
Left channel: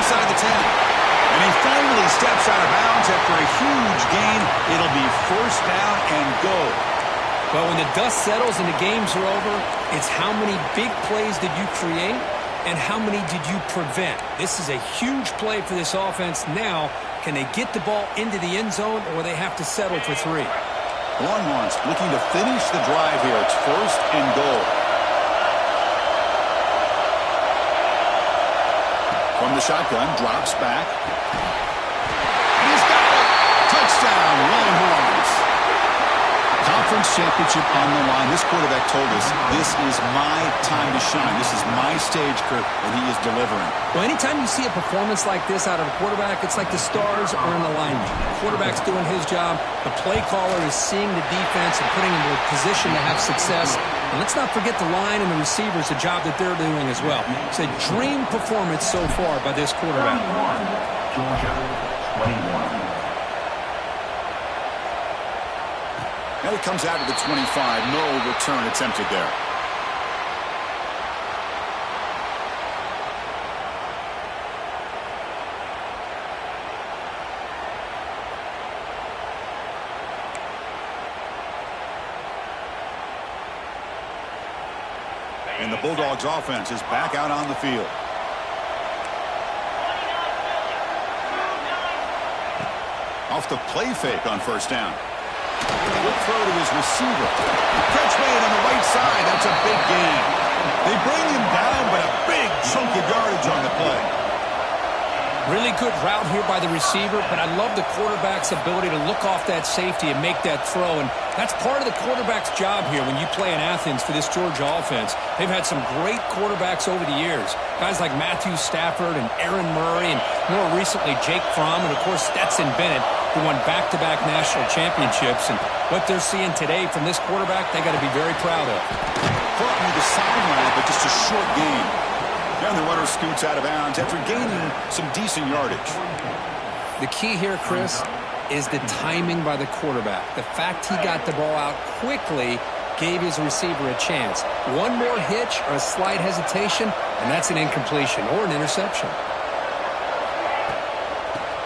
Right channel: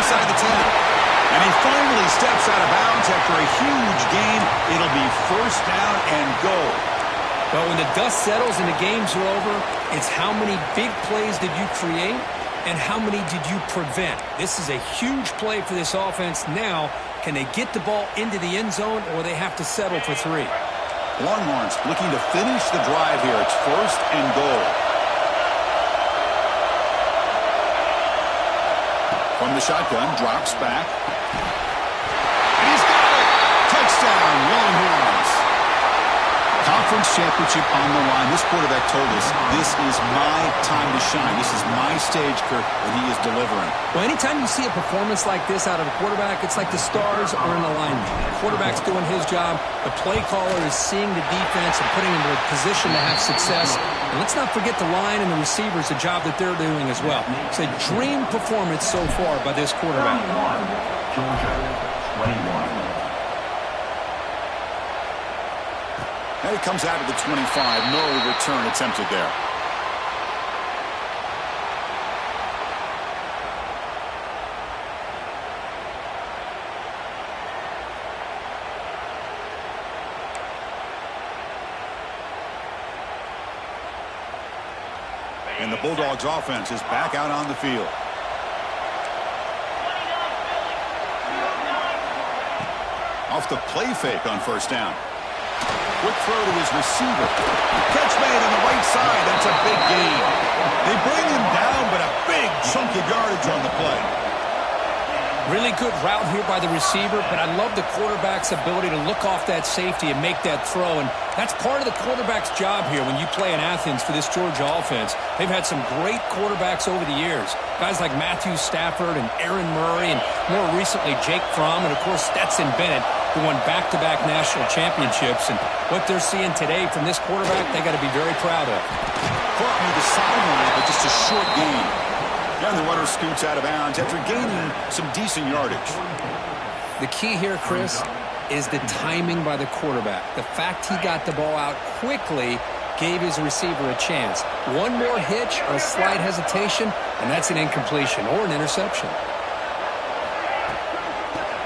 Inside the 10. And he finally steps out of bounds after a huge gain. It'll be 1st down and go. Well, when the dust settles and the games are over, it's how many big plays did you create and how many did you prevent. This is a huge play for this offense now. Can they get the ball into the end zone, or they have to settle for 3? Longhorns looking to finish the drive here. It's 1st and goal. From the shotgun, drops back. And he's got it! Touchdown, Longhorns! Conference championship on the line. This quarterback told us, this is my time to shine. This is my stage, Kirk, and he is delivering. Well, anytime you see a performance like this out of a quarterback, it's like the stars are in alignment. The quarterback's doing his job. The play caller is seeing the defense and putting him in a position to have success. And let's not forget the line and the receivers, the job that they're doing as well. It's a dream performance so far by this quarterback. Georgia, 21. And it comes out of the 25. No return attempted there. And the Bulldogs offense is back out on the field. Off the play fake on 1st down. Quick throw to his receiver. Catch made on the right side. That's a big gain. They bring him down, but a big chunk of yardage on the play. Really good route here by the receiver, but I love the quarterback's ability to look off that safety and make that throw. And that's part of the quarterback's job here when you play in Athens for this Georgia offense. They've had some great quarterbacks over the years. Guys like Matthew Stafford and Aaron Murray and more recently Jake Fromm and, of course, Stetson Bennett, who won back-to-back national championships. And what they're seeing today from this quarterback, they got to be very proud of. Caught near the sideline, but just a short gain. And the runner scoots out of bounds after gaining some decent yardage. The key here, Chris, is the timing by the quarterback. The fact he got the ball out quickly gave his receiver a chance. One more hitch or a slight hesitation, and that's an incompletion or an interception.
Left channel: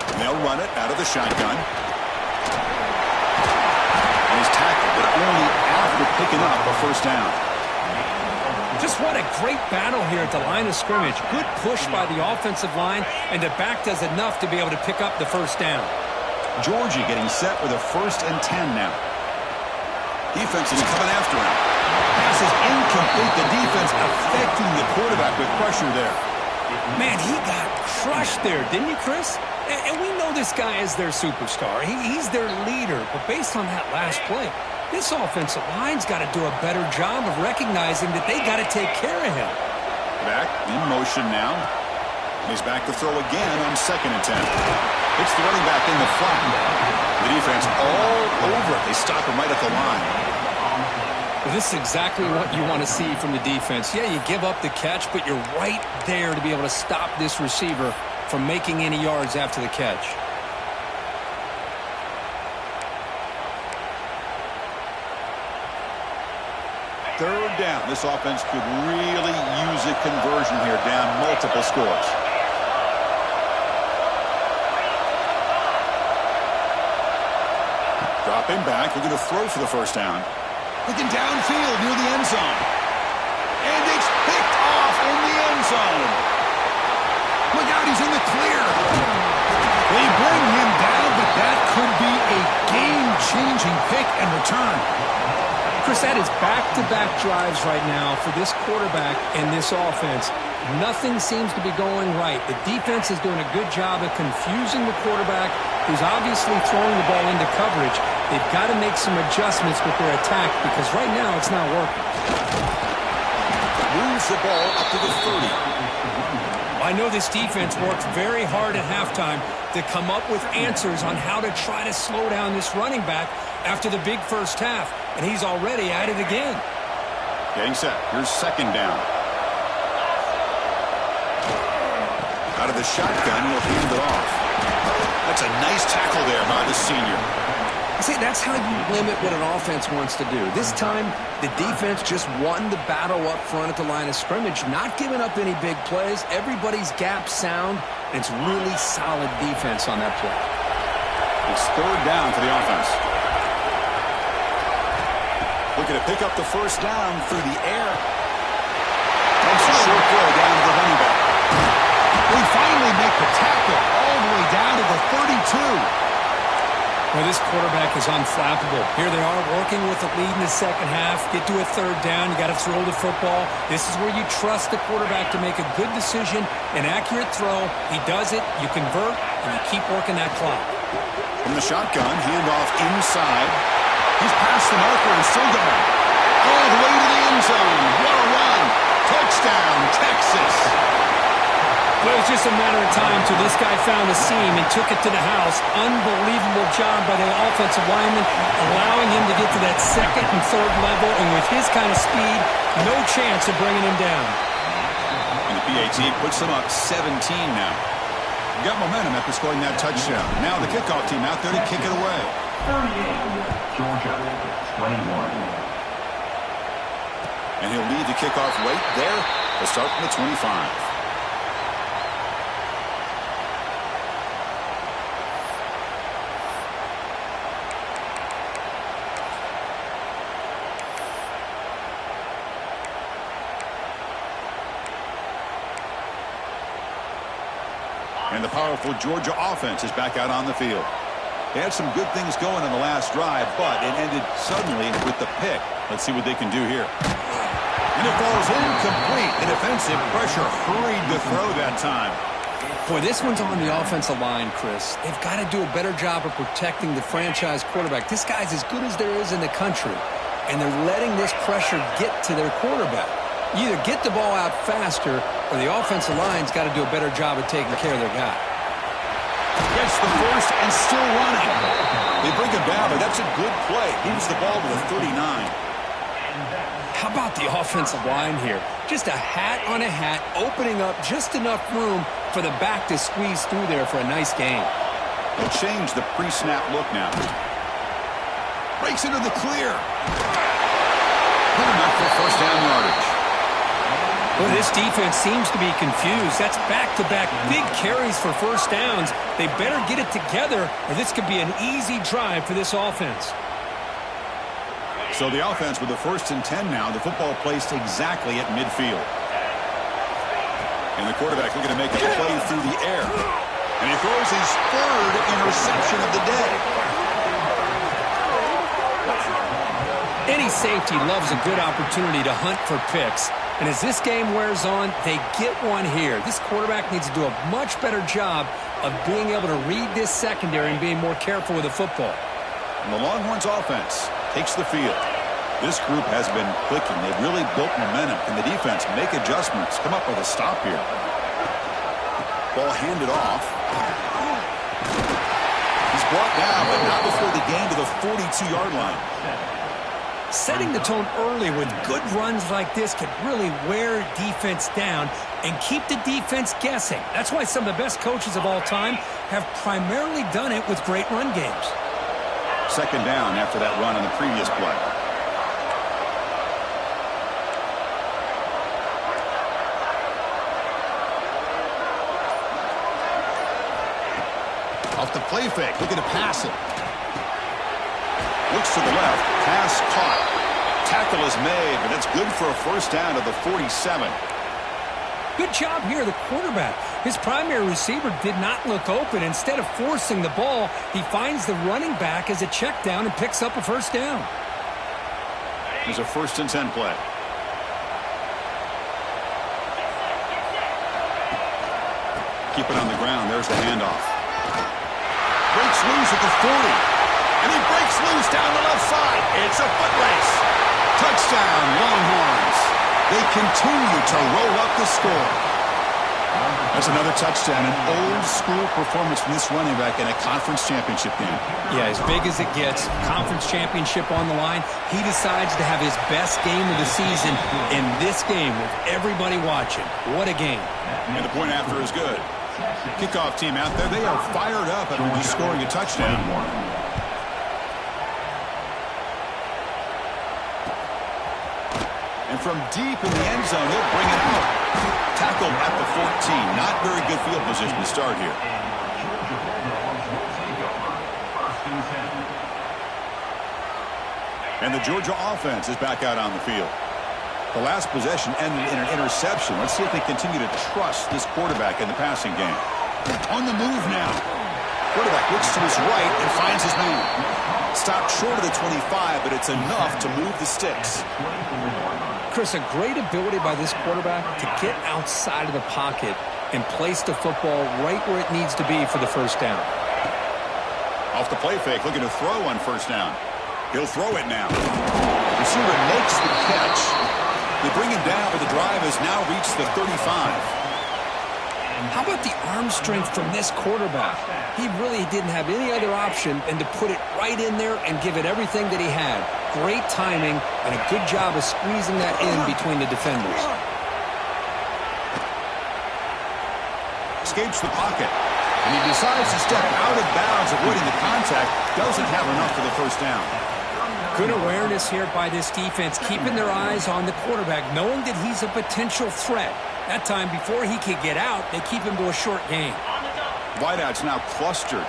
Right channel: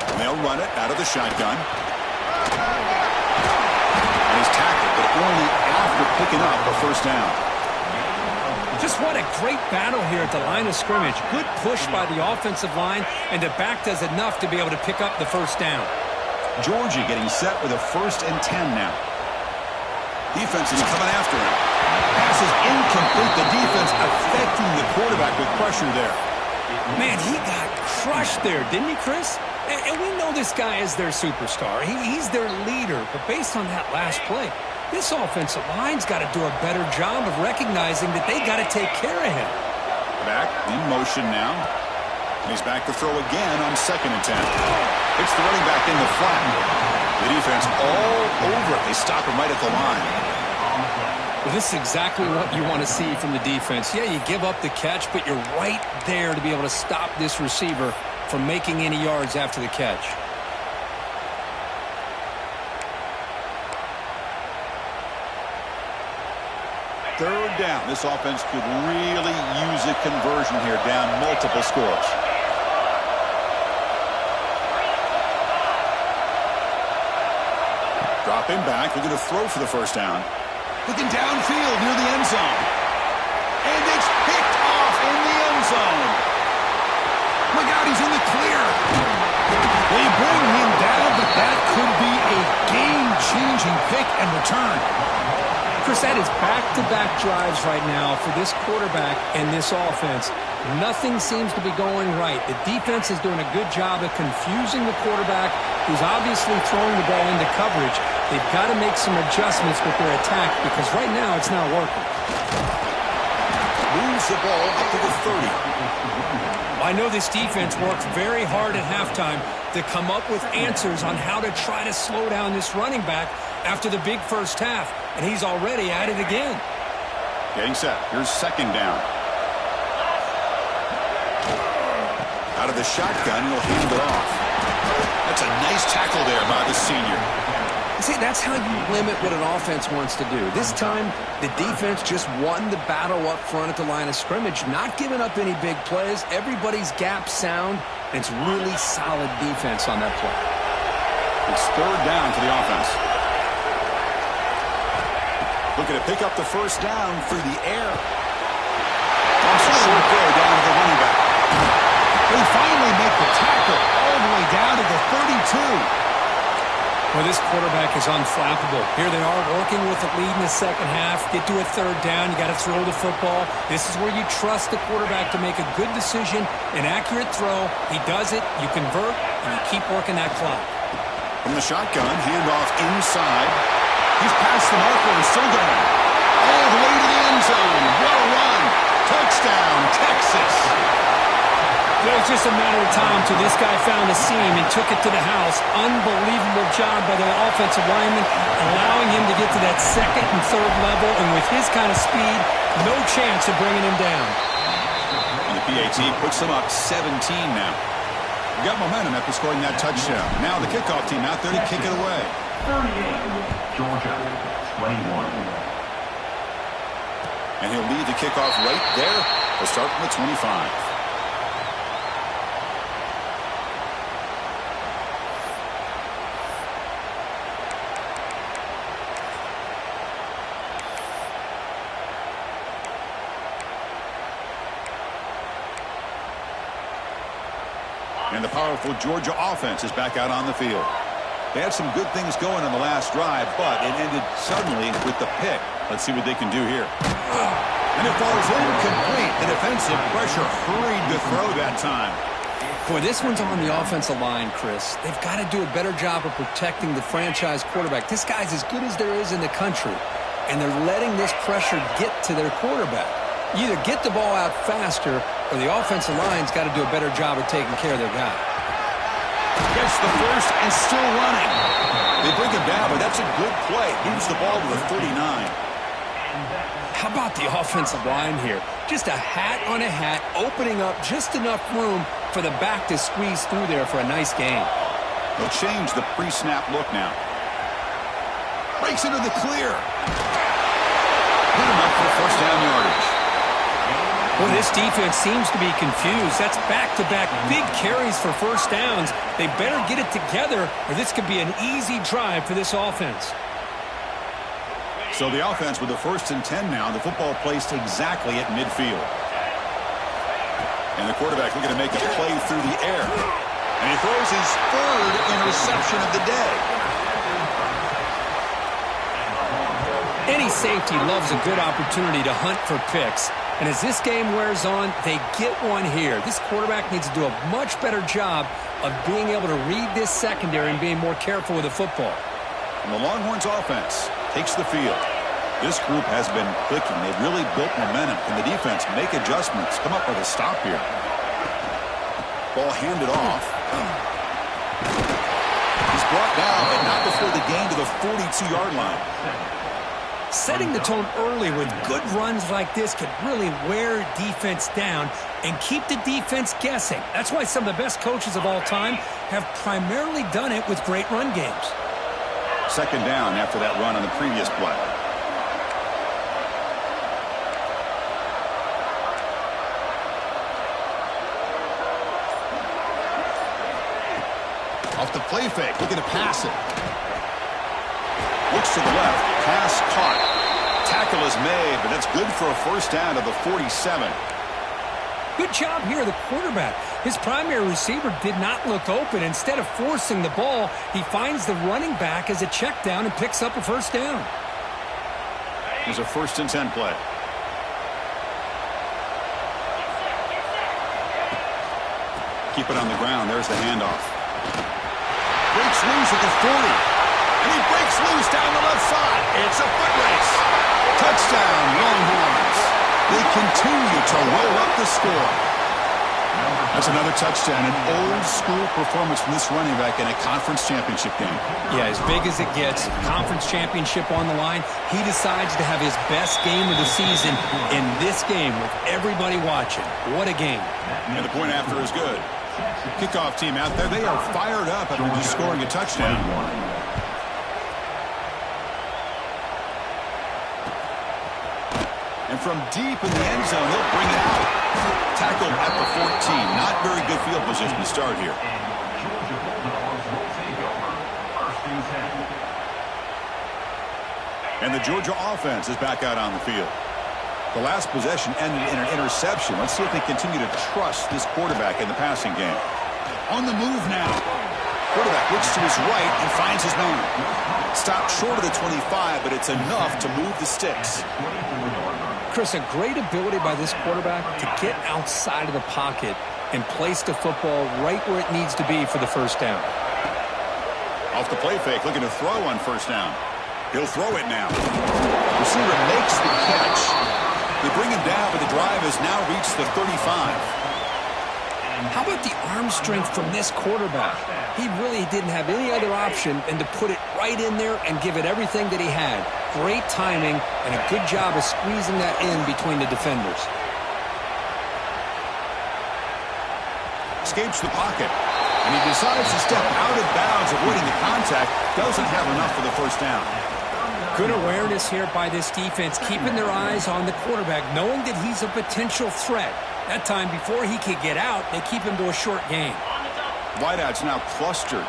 And they'll run it out of the shotgun. And he's tackled, but only after picking up a first down. Just what a great battle here at the line of scrimmage. Good push by the offensive line, and the back does enough to be able to pick up the first down. Georgia getting set with a 1st and 10 now. Defense is coming after him. Pass is incomplete. The defense affecting the quarterback with pressure there. Man, he got crushed there, didn't he, Chris? And we know this guy is their superstar. He's their leader. But based on that last play, this offensive line's got to do a better job of recognizing that they got to take care of him. Back in motion now. He's back to throw again on 2nd and 10. Hits the running back in the flat. The defense all over it. They stop him right at the line. Well, this is exactly what you want to see from the defense. Yeah, you give up the catch, but you're right there to be able to stop this receiver from making any yards after the catch. Third down. This offense could really use a conversion here, down multiple scores. Dropping back, looking to throw for the first down. Looking downfield near the end zone. And it's picked off in the end zone. Look out, he's in the clear. They bring him down, but that could be a game-changing pick and return. Chris, that is back-to-back drives right now for this quarterback and this offense. Nothing seems to be going right. The defense is doing a good job of confusing the quarterback, who's obviously throwing the ball into coverage. They've got to make some adjustments with their attack because right now it's not working. Moves the ball up to the 30. I know this defense worked very hard at halftime to come up with answers on how to try to slow down this running back after the big first half, and he's already at it again. Getting set. Here's 2nd down. Out of the shotgun, he'll hand it off. That's a nice tackle there by the senior. See, that's how you limit what an offense wants to do. This time, the defense just won the battle up front at the line of scrimmage, not giving up any big plays. Everybody's gap sound, and it's really solid defense on that play. It's 3rd down for the offense. Looking to pick up the first down through the air. Dumps a short go down to the running back. They finally make the tackle all the way down to the 32. Well, this quarterback is unflappable. Here they are working with the lead in the second half. Get to a 3rd down. You got to throw the football. This is where you trust the quarterback to make a good decision, an accurate throw. He does it. You convert, and you keep working that clock. From the shotgun, handoff inside. He's past the marker and still going. All the way to the end zone. What a run. Touchdown, Texas. It was just a matter of time till this guy found a seam and took it to the house. Unbelievable job by the offensive lineman, allowing him to get to that 2nd and 3rd level, and with his kind of speed, no chance of bringing him down. And the PAT puts them up 17 now. Got momentum after scoring that touchdown. Now the kickoff team out there to kick it away. 38, Georgia, 21. And he'll lead the kickoff right there. They'll start from the 25. And the powerful Georgia offense is back out on the field. They had some good things going on the last drive, but it ended suddenly with the pick. Let's see what they can do here. And it falls incomplete. The defensive pressure hurried to throw that time. Boy, this one's on the offensive line, Chris. They've got to do a better job of protecting the franchise quarterback. This guy's as good as there is in the country, and they're letting this pressure get to their quarterback. You either get the ball out faster, or the offensive line's got to do a better job of taking care of their guy. Gets the first and still running. They bring him down, but that's a good play. Moves the ball to the 39. How about the offensive line here? Just a hat on a hat, opening up just enough room for the back to squeeze through there for a nice gain. They'll change the pre-snap look now. Breaks into the clear. Put him up for first down yardage. Well, this defense seems to be confused. That's back-to-back big carries for first downs. They better get it together, or this could be an easy drive for this offense. So the offense with the 1st and 10 now. The football placed exactly at midfield. And the quarterback looking to make a play through the air. And he throws his 3rd interception of the day. Any safety loves a good opportunity to hunt for picks. And as this game wears on, they get one here. This quarterback needs to do a much better job of being able to read this secondary and being more careful with the football. And the Longhorns offense takes the field. This group has been clicking. They've really built momentum. Can the defense make adjustments? Come up with a stop here. Ball handed off. He's brought down, but not before the gain to the 42-yard line. Setting the tone early with good runs like this can really wear defense down and keep the defense guessing. That's why some of the best coaches of all time have primarily done it with great run games. 2nd down after that run on the previous play. Off the play fake, looking to pass it. Looks to the left, pass caught. Tackle is made, but that's good for a first down to the 47. Good job here, the quarterback. His primary receiver did not look open. Instead of forcing the ball, he finds the running back as a check down and picks up a first down. Here's a 1st and 10 play. Keep it on the ground. There's the handoff. Breaks loose at the 40. And he breaks loose down the left side. It's a foot race. Touchdown, Longhorns. They continue to roll up the score. That's another touchdown, an old-school performance from this running back in a conference championship game. Yeah, as big as it gets, conference championship on the line, he decides to have his best game of the season in this game with everybody watching. What a game. And the point after is good. Kickoff team out there, they are fired up after just scoring a touchdown. And from deep in the end zone, he'll bring it out. Tackled at the 14. Not very good field position to start here. And the Georgia offense is back out on the field. The last possession ended in an interception. Let's see if they continue to trust this quarterback in the passing game. On the move now. Quarterback looks to his right and finds his man. Stopped short of the 25, but it's enough to move the sticks. Chris, a great ability by this quarterback to get outside of the pocket and place the football right where it needs to be for the first down. Off the play fake, looking to throw on first down. He'll throw it now. Receiver makes the catch. They bring him down, but the drive has now reached the 35. How about the arm strength from this quarterback? He really didn't have any other option than to put it right in there and give it everything that he had. Great timing and a good job of squeezing that in between the defenders. Escapes the pocket, and he decides to step out of bounds, avoiding the contact. Doesn't have enough for the first down. Good awareness here by this defense, keeping their eyes on the quarterback, knowing that he's a potential threat. That time, before he could get out, they keep him to a short gain. Wideouts now clustered.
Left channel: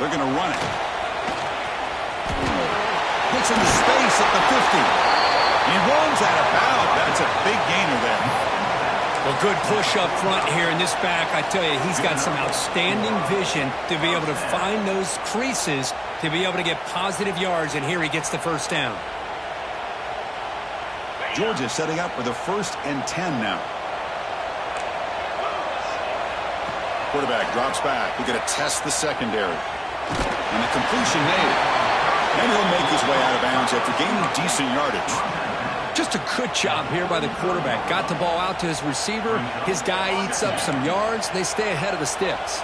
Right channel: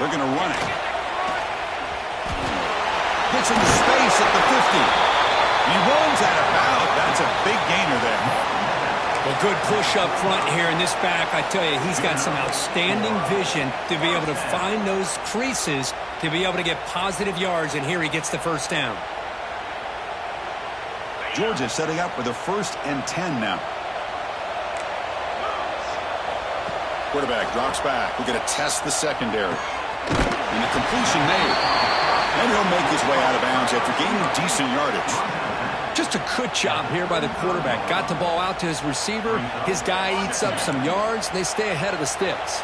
They're going to run it. Gets into space at the 50. He runs out of bounds. That's a big gainer there. Well, good push up front here in this back. I tell you, he's got some outstanding vision to be able to find those creases to be able to get positive yards, and here he gets the first down. Georgia setting up for the 1st and 10 now. Quarterback drops back. We're going to test the secondary. And the completion made. And he'll make his way out of bounds after gaining decent yardage. Just a good job here by the quarterback. Got the ball out to his receiver. His guy eats up some yards. They stay ahead of the sticks.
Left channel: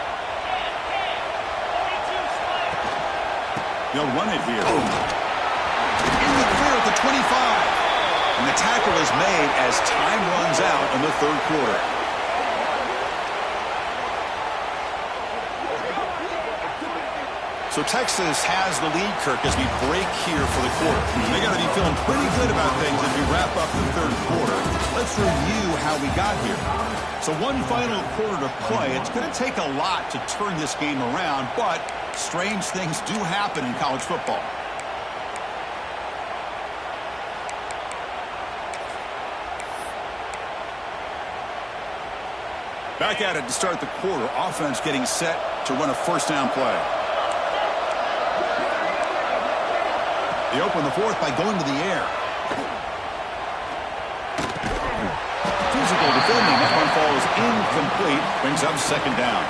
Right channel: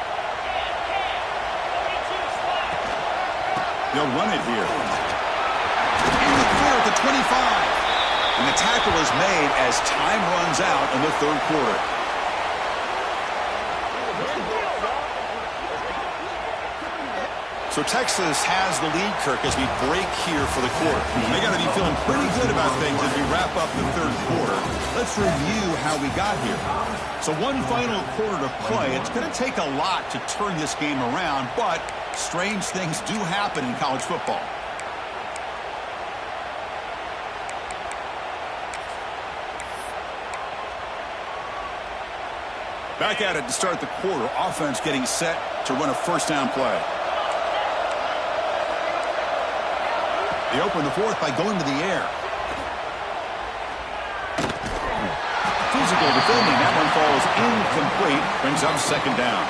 They'll run it here. In the clear at the 25. And the tackle is made as time runs out in the third quarter. So Texas has the lead, Kirk, as we break here for the quarter. They got to be feeling pretty good about things as we wrap up the third quarter. Let's review how we got here. So one final quarter to play. It's going to take a lot to turn this game around, but strange things do happen in college football. Back at it to start the quarter. Offense getting set to run a first down play. They open the fourth by going to the air. Physical defending. That one falls incomplete. Brings up second down.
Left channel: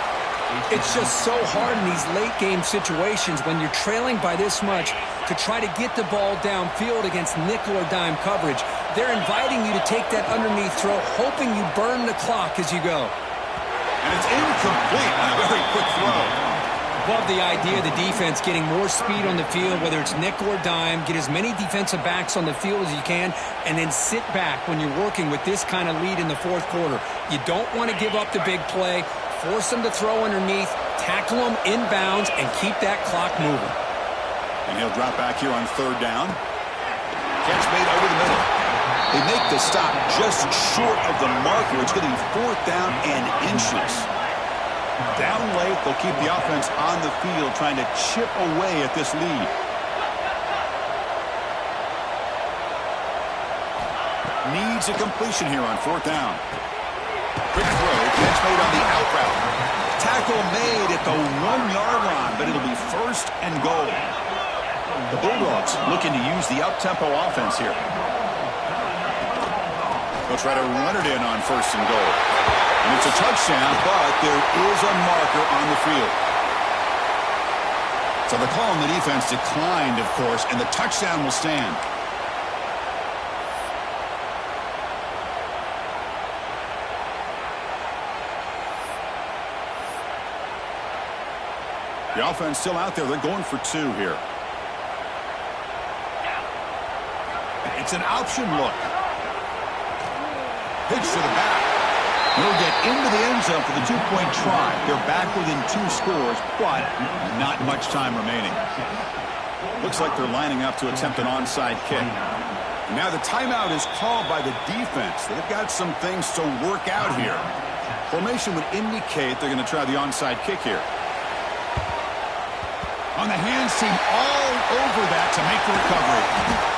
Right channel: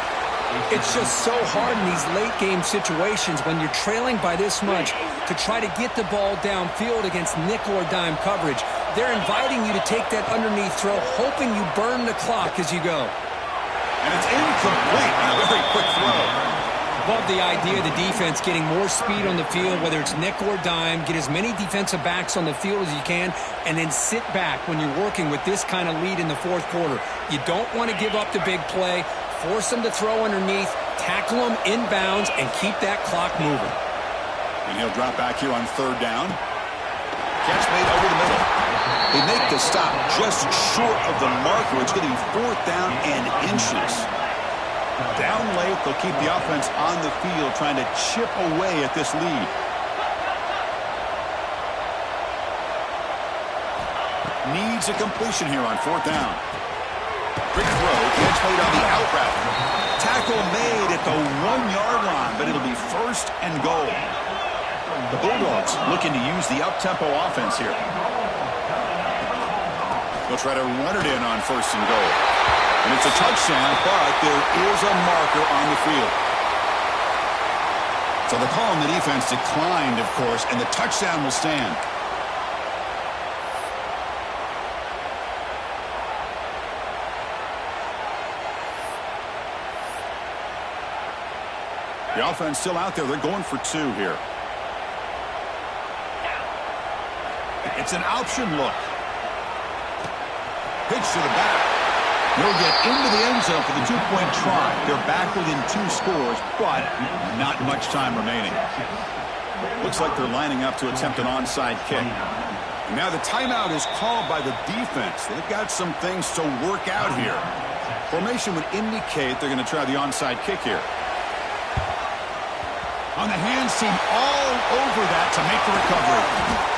It's just so hard in these late game situations when you're trailing by this much to try to get the ball downfield against nickel or dime coverage. They're inviting you to take that underneath throw, hoping you burn the clock as you go. And it's incomplete on a very quick throw. Love the idea of the defense getting more speed on the field, whether it's nickel or dime, get as many defensive backs on the field as you can, and then sit back when you're working with this kind of lead in the fourth quarter. You don't want to give up the big play, force them to throw underneath, tackle them inbounds, and keep that clock moving. And he'll drop back here on third down. Catch made over the middle. They make the stop just short of the marker. It's going to be fourth down and inches. Down late, they'll keep the offense on the field trying to chip away at this lead. Needs a completion here on fourth down. Quick throw, catch made on the out route. Tackle made at the 1-yard line, but it'll be first and goal. The Bulldogs looking to use the up-tempo offense here. They'll try to run it in on first and goal. And it's a touchdown, but there is a marker on the field. So the call on the defense declined, of course, and the touchdown will stand. The offense still out there. They're going for two here. It's an option look. Pitch to the back. He'll get into the end zone for the two-point try. They're back within 2 scores, but not much time remaining. Looks like they're lining up to attempt an onside kick. And now the timeout is called by the defense. They've got some things to work out here. Formation would indicate they're going to try the onside kick here. On the hands team all over that to make the recovery.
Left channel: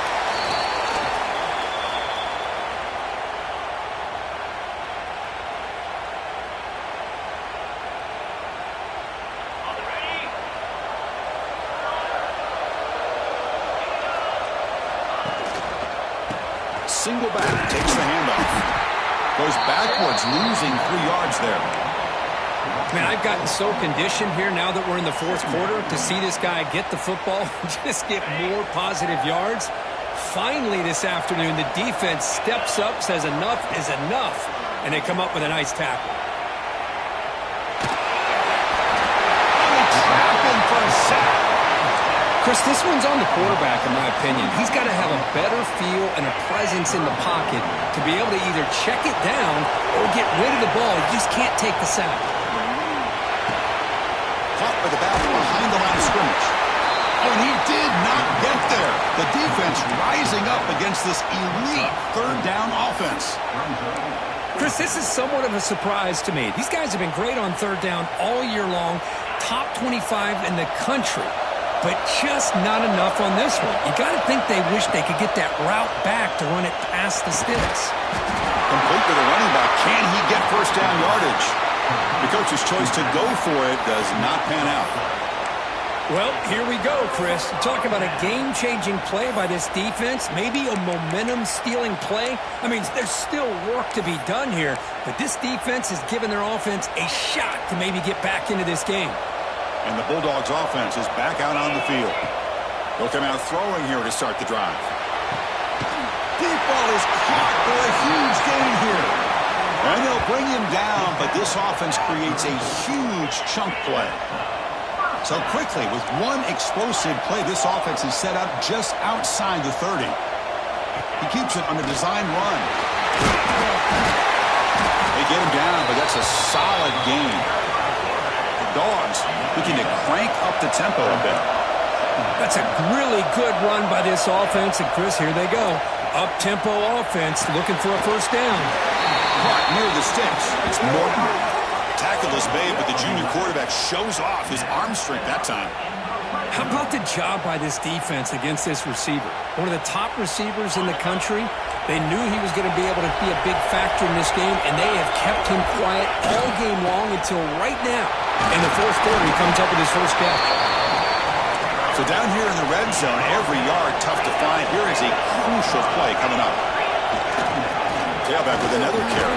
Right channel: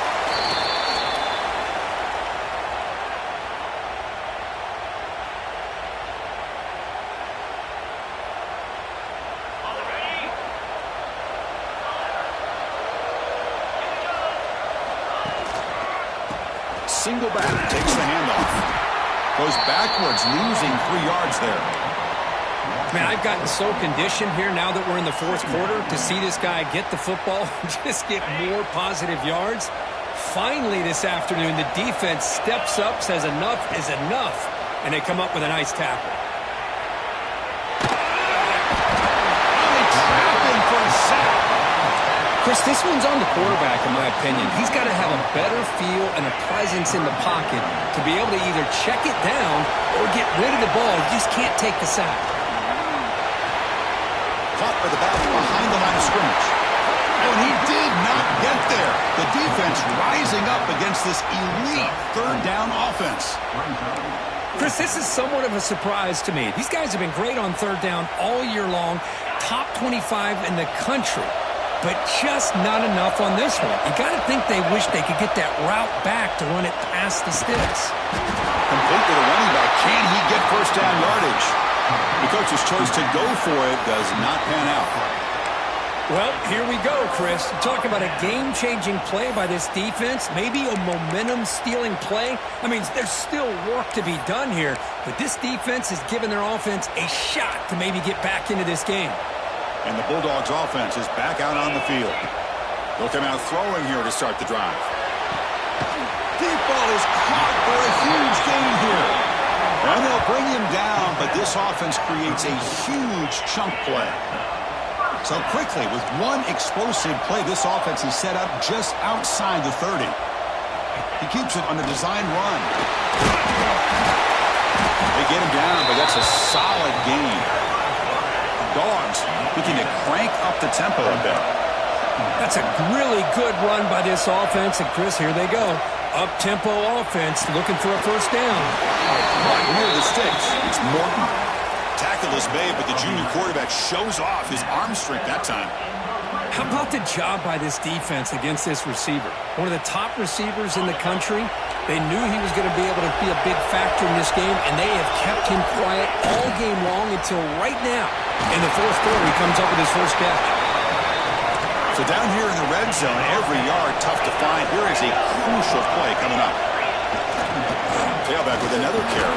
Single back, takes the handoff. Goes backwards, losing 3 yards there. Man, I've gotten so conditioned here now that we're in the fourth quarter to see this guy get the football and just get more positive yards. Finally this afternoon, the defense steps up, says enough is enough, and they come up with a nice tackle. Oh, they trap him for a sack. Chris, this one's on the quarterback, in my opinion. He's got to have a better feel and a presence in the pocket to be able to either check it down or get rid of the ball. You just can't take the sack. Caught by the back behind the line of scrimmage. Oh, and he did not get there. The defense rising up against this elite third down offense. Chris, this is somewhat of a surprise to me. These guys have been great on third down all year long, top 25 in the country. But just not enough on this one. You got to think they wish they could get that route back to run it past the sticks. Complete with a running back. Can he get first down yardage? The coach's choice to go for it does not pan out. Well, here we go, Chris. Talk about a game-changing play by this defense. Maybe a momentum-stealing play. I mean, there's still work to be done here. But this defense has given their offense a shot to maybe get back into this game. And the Bulldogs offense is back out on the field. They'll come out throwing here to start the drive. Deep ball is caught for a huge gain here. And they'll bring him down, but this offense creates a huge chunk play. So quickly, with one explosive play, this offense is set up just outside the 30. He keeps it on the design run. They get him down, but that's a solid gain. The Dogs looking to crank up the tempo a bit. That's a really good run by this offense. And, Chris, here they go. Up-tempo offense looking for a first down. Caught near the sticks. It's Morton. Tackleless Babe, but the junior quarterback shows off his arm strength that time. How about the job by this defense against this receiver? One of the top receivers in the country. They knew he was going to be able to be a big factor in this game, and they have kept him quiet all game long until right now. In the fourth quarter, he comes up with his first catch. So down here in the red zone, every yard tough to find. Here is a crucial play coming up. Tailback with another carry.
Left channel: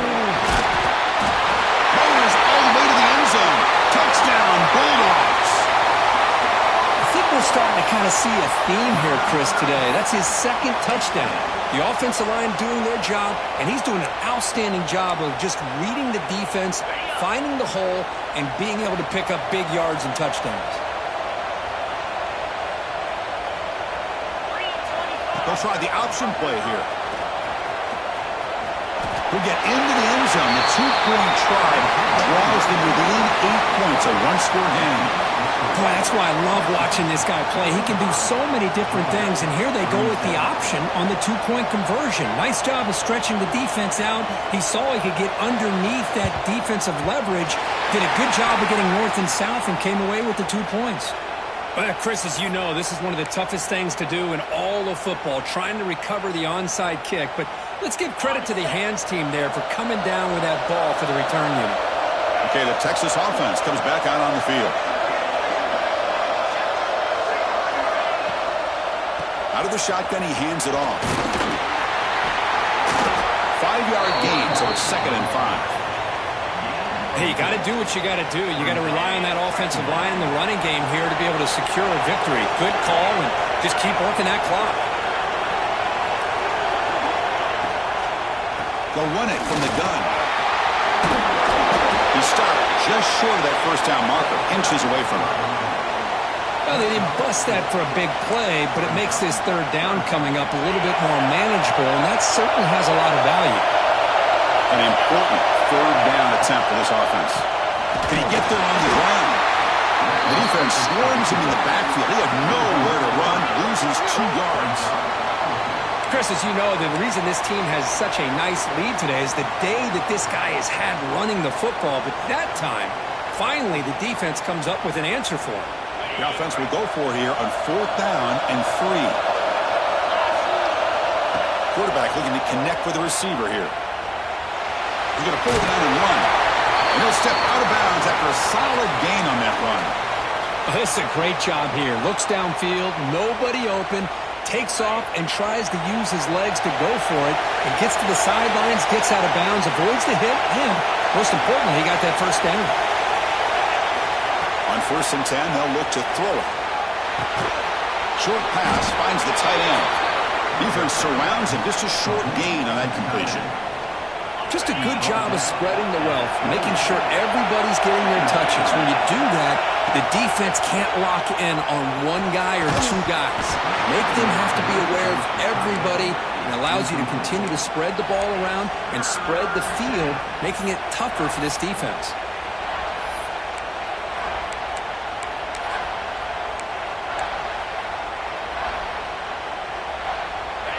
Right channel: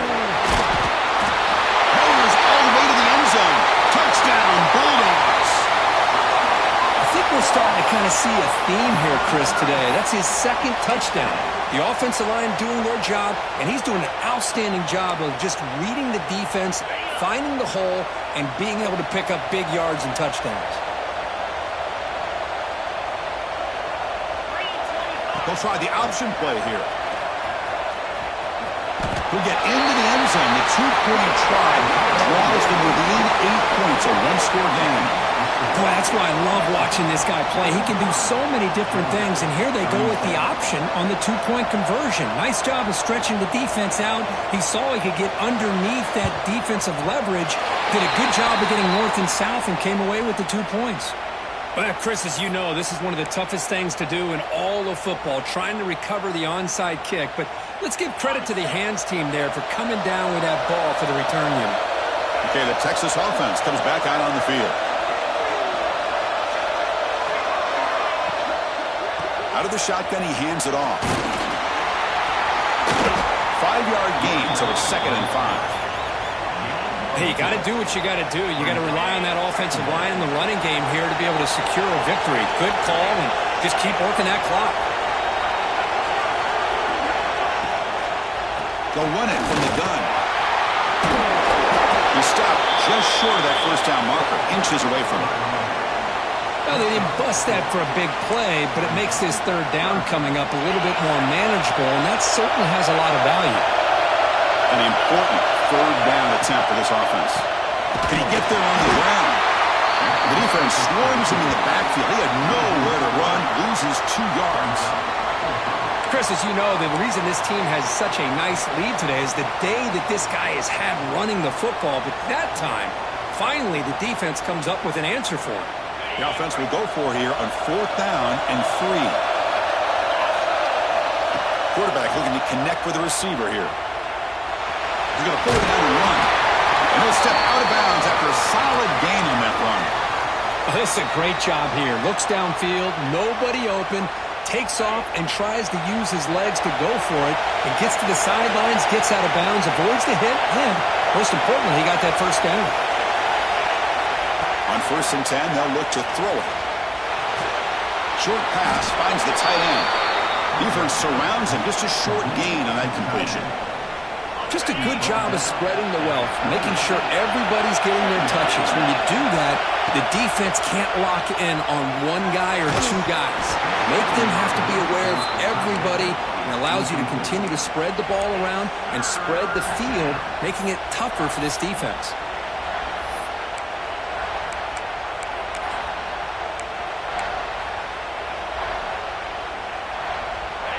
Motors all the way to the end zone. Touchdown, Bulldogs. I think we're starting to kind of see a theme here, Chris, today. That's his second touchdown. The offensive line doing their job, and he's doing an outstanding job of just reading the defense, finding the hole, and being able to pick up big yards and touchdowns. They'll try the option play here. He'll get into the end zone. The two-point try draws them within 8 points, a one-score game. Boy, that's why I love watching this guy play. He can do so many different things, and here they go with the option on the two-point conversion. Nice job of stretching the defense out. He saw he could get underneath that defensive leverage, did a good job of getting north and south, and came away with the 2 points. Well, Chris, as you know, this is one of the toughest things to do in all of football, trying to recover the onside kick. But let's give credit to the hands team there for coming down with that ball for the return unit. Okay, the Texas offense comes back out on the field. Out of the shotgun, he hands it off. 5-yard gain, so it's 2nd and 5. Hey, you got to do what you got to do. You got to rely on that offensive line in the running game here to be able to secure a victory. Good call, and just keep working that clock. They'll run it from the gun. He stopped just short of that first down marker, inches away from it. Well, they didn't bust that for a big play, but it makes this third down coming up a little bit more manageable, and that certainly has a lot of value. An important third down attempt for this offense. Can he get there on the ground? The defense swarms him in the backfield. He had nowhere to run, loses 2 yards. Chris, as you know, the reason this team has such a nice lead today is the day that this guy has had running the football. But that time, finally, the defense comes up with an answer for him. The offense will go for here on 4th down and 3. Quarterback looking to connect with the receiver here. He's going to pull it down and run. And he'll step out of bounds after a solid gain on that run. Oh, this is a great job here. Looks downfield, nobody open, takes off and tries to use his legs to go for it, and gets to the sidelines, gets out of bounds, avoids the hit, and most importantly, he got that first down. On 1st and 10, they'll look to throw it. Short pass finds the tight end. Defense surrounds him. Just a short gain on that completion. Just a good job of spreading the wealth, making sure everybody's getting their touches. When you do that, the defense can't lock in on one guy or 2 guys. Make them have to be aware of everybody, and allows you to continue to spread the ball around and spread the field, making it tougher for this defense.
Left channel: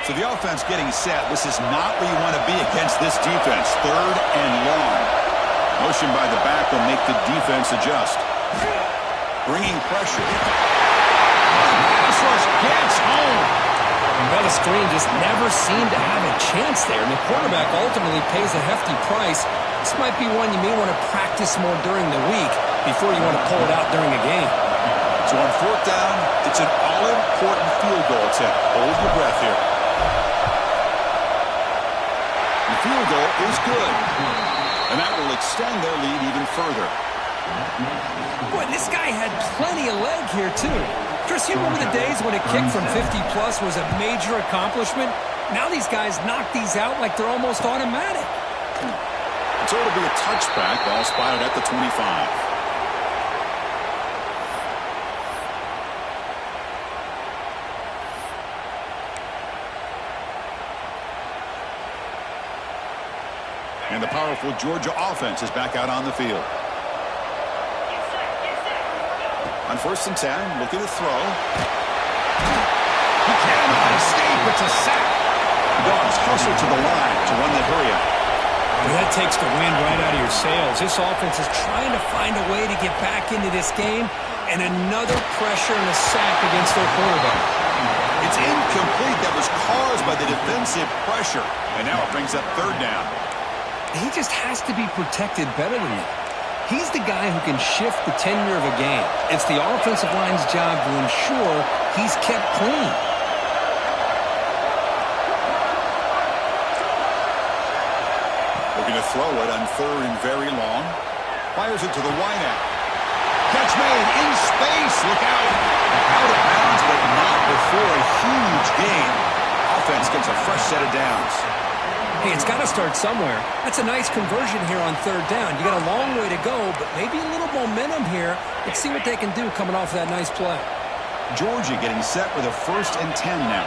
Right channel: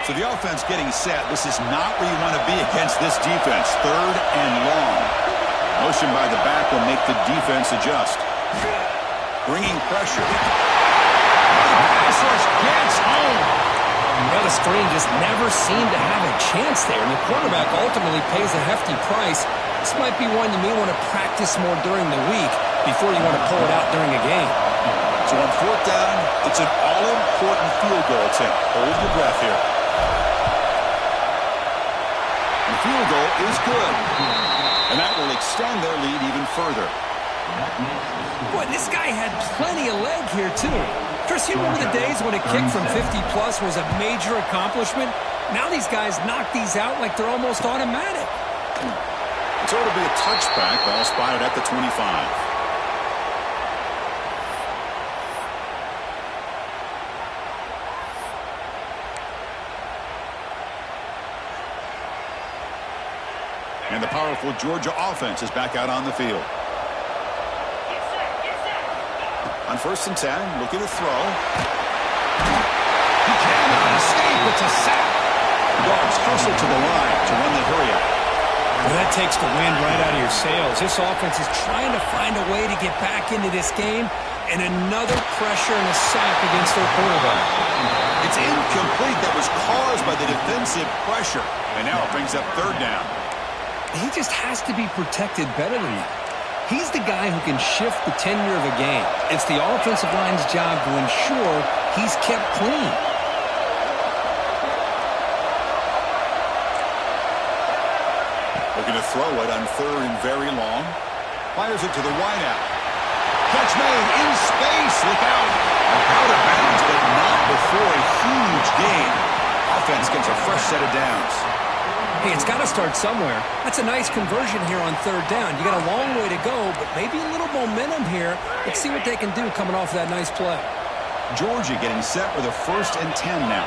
So the offense getting set. This is not where you want to be against this defense. 3rd and long. Motion by the back will make the defense adjust. Bringing pressure. The pass rush gets home. Well, the screen just never seemed to have a chance there, and the quarterback ultimately pays a hefty price. This might be one you may want to practice more during the week before you want to pull it out during a game. So on 4th down, it's an all-important field goal attempt. Hold your breath here. The field goal is good, and that will extend their lead even further. Boy, this guy had plenty of leg here, too. Chris, you remember the days when a kick from 50-plus was a major accomplishment? Now these guys knock these out like they're almost automatic. So it'll be a touchback, ball spotted at the 25. And the powerful Georgia offense is back out on the field. On 1st and 10, looking to throw. He cannot escape. It's a sack. The Dogs hustle to the line to run the hurry up. Well, that takes the wind right out of your sails. This offense is trying to find a way to get back into this game, and another pressure and a sack against their quarterback. It's incomplete. That was caused by the defensive pressure. And now it brings up 3rd down. He just has to be protected better than that. He's the guy who can shift the tenure of a game. It's the offensive line's job to ensure he's kept clean. Looking to throw it on 3rd and very long. Fires it to the wideout. Catch made in space. Look out. Out of bounds, but not before a huge gain. Offense gets a fresh set of downs. Hey, it's got to start somewhere. That's a nice conversion here on 3rd down. You got a long way to go, but maybe a little momentum here. Let's see what they can do coming off of that nice play. Georgia getting set with a 1st and 10 now.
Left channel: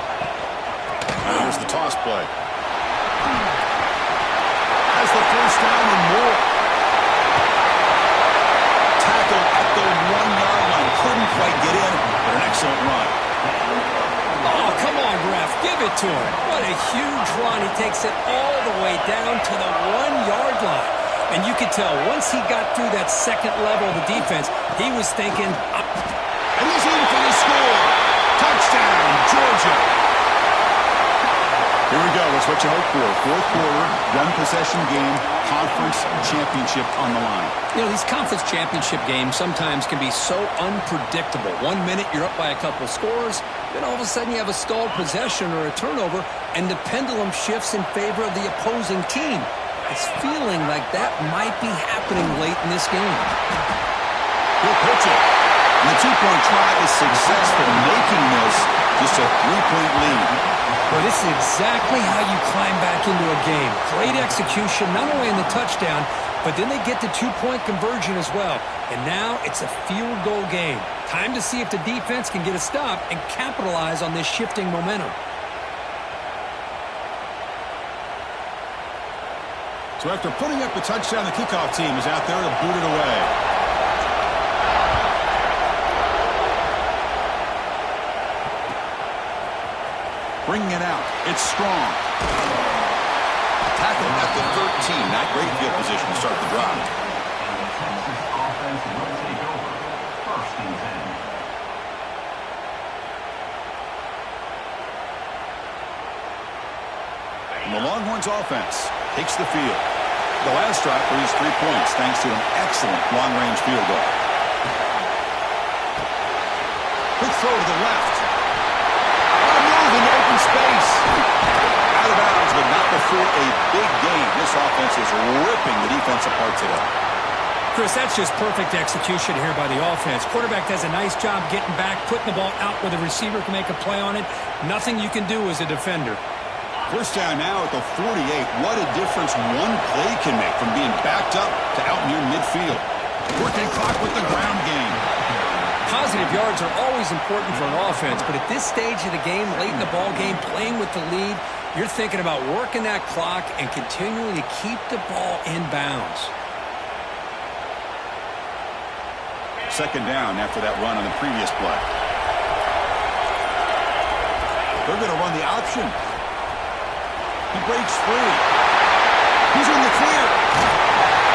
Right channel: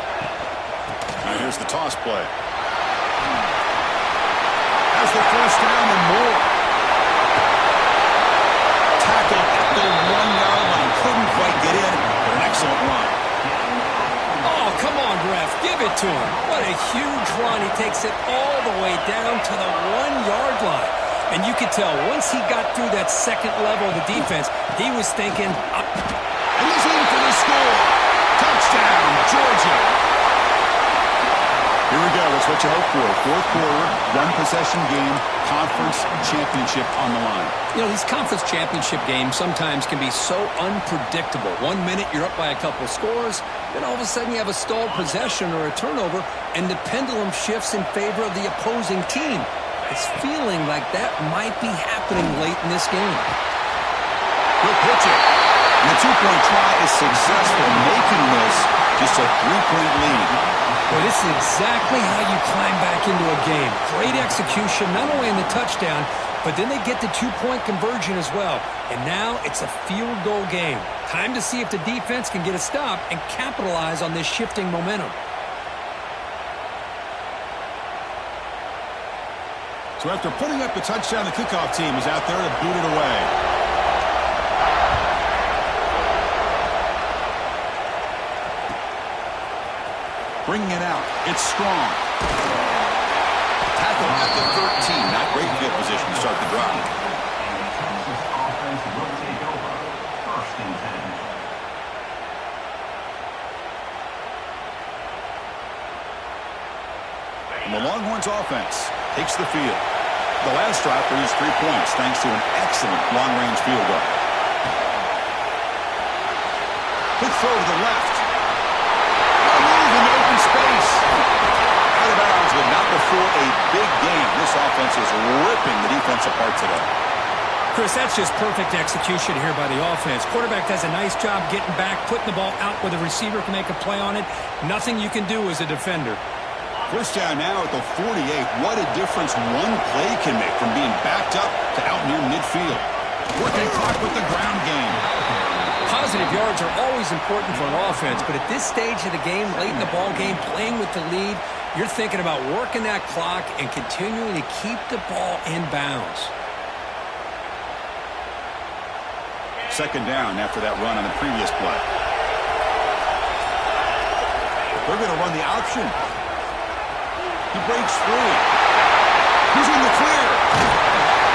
And here's the toss play. Has the 1st down and more. Tackled at the 1-yard line. Couldn't quite get in, but an excellent run. Oh, come on, ref. Give it to him. What a huge run. He takes it all the way down to the 1-yard line. And you could tell once he got through that 2nd level of the defense, he was thinking... And he's in for the score. Touchdown, Georgia. Here we go. That's what you hope for. 4th quarter, 1-possession game, conference championship on the line. You know, these conference championship games sometimes can be so unpredictable. 1 minute you're up by a couple scores, then all of a sudden you have a stalled possession or a turnover, and the pendulum shifts in favor of the opposing team. It's feeling like that might be happening late in this game. He'll pitch it. And the 2-point try is successful, making this just a 3-point lead. Well, this is exactly how you climb back into a game. Great execution, not only in the touchdown, but then they get the 2-point conversion as well. And now it's a field goal game. Time to see if the defense can get a stop and capitalize on this shifting momentum. So after putting up the touchdown, the kickoff team is out there to boot it away. Bringing it out. It's strong. Tackle at the 13. Not great field position to start the drive. And the Texas offense will take over. 1st and 10. And the Longhorns offense takes the field. The last drive produced 3 points thanks to an excellent long-range field goal. Quick throw to the left. What a move into open space. Out of bounds, but not before a big gain. This offense is ripping the defense apart today. Chris, that's just perfect execution here by the offense. Quarterback does a nice job getting back, putting the ball out where the receiver can make a play on it. Nothing you can do as a defender. 1st down now at the 48. What a difference one play can make from being backed up to out near midfield. Working clock with the ground game. Positive yards are always important for an offense, but at this stage of the game, late in the ball game, playing with the lead, you're thinking about working that clock and continuing to keep the ball in bounds. 2nd down after that run on the previous play. They're going to run the option. He breaks free. He's in the clear.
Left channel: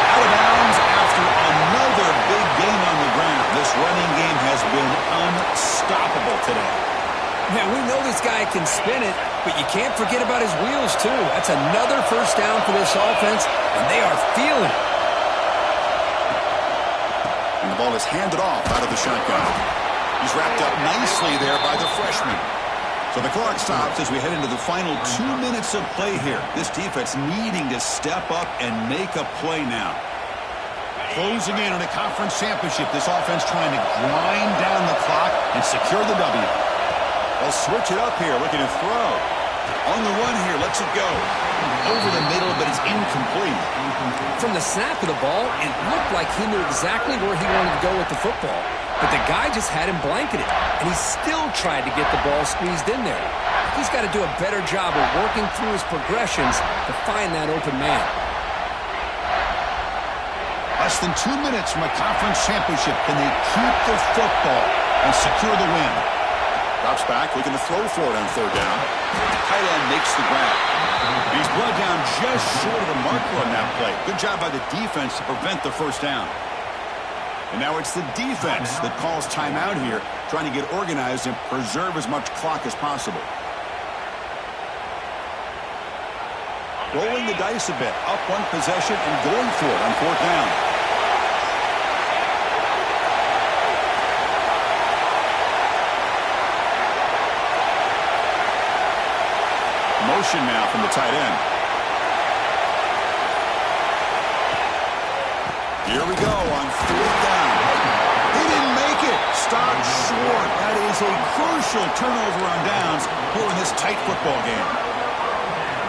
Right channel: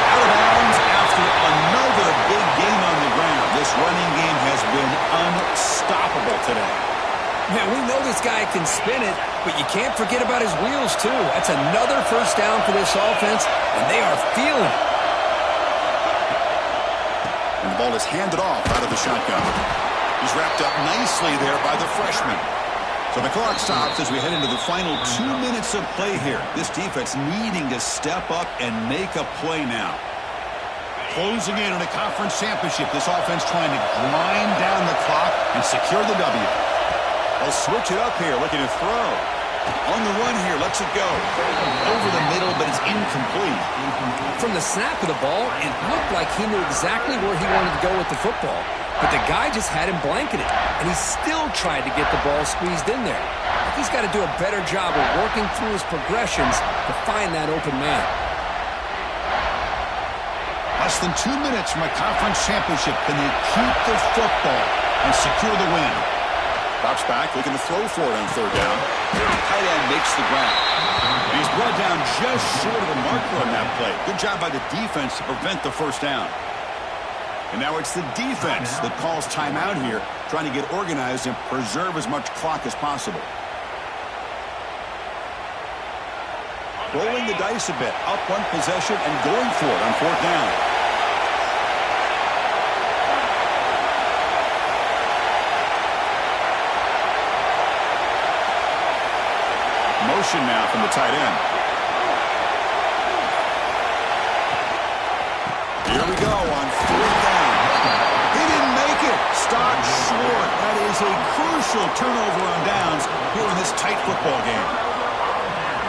Out of bounds after another big gain on the ground. This running game has been unstoppable today. Man, we know this guy can spin it, but you can't forget about his wheels, too. That's another 1st down for this offense, and they are feeling it. And the ball is handed off out of the shotgun. He's wrapped up nicely there by the freshman. So the clock stops as we head into the final 2 minutes of play here. This defense needing to step up and make a play now. Closing in on a conference championship. This offense trying to grind down the clock and secure the W. They'll switch it up here, looking to throw. On the run here, lets it go. Over the middle, but it's incomplete. From the snap of the ball, it looked like he knew exactly where he wanted to go with the football. But the guy just had him blanketed, and he still tried to get the ball squeezed in there. He's got to do a better job of working through his progressions to find that open man. Less than 2 minutes from a conference championship. Can they keep the football and secure the win? Drops back, looking to throw for it on third down. Tight end makes the grab. And he's brought down just short of the marker on that play. Good job by the defense to prevent the first down. And now it's the defense that calls timeout here, trying to get organized and preserve as much clock as possible. Rolling the dice a bit, up one possession and going for it on fourth down. Motion now from the tight end. Here we go on fourth down. He didn't make it. Stopped short. That is a crucial turnover on downs here in this tight football game.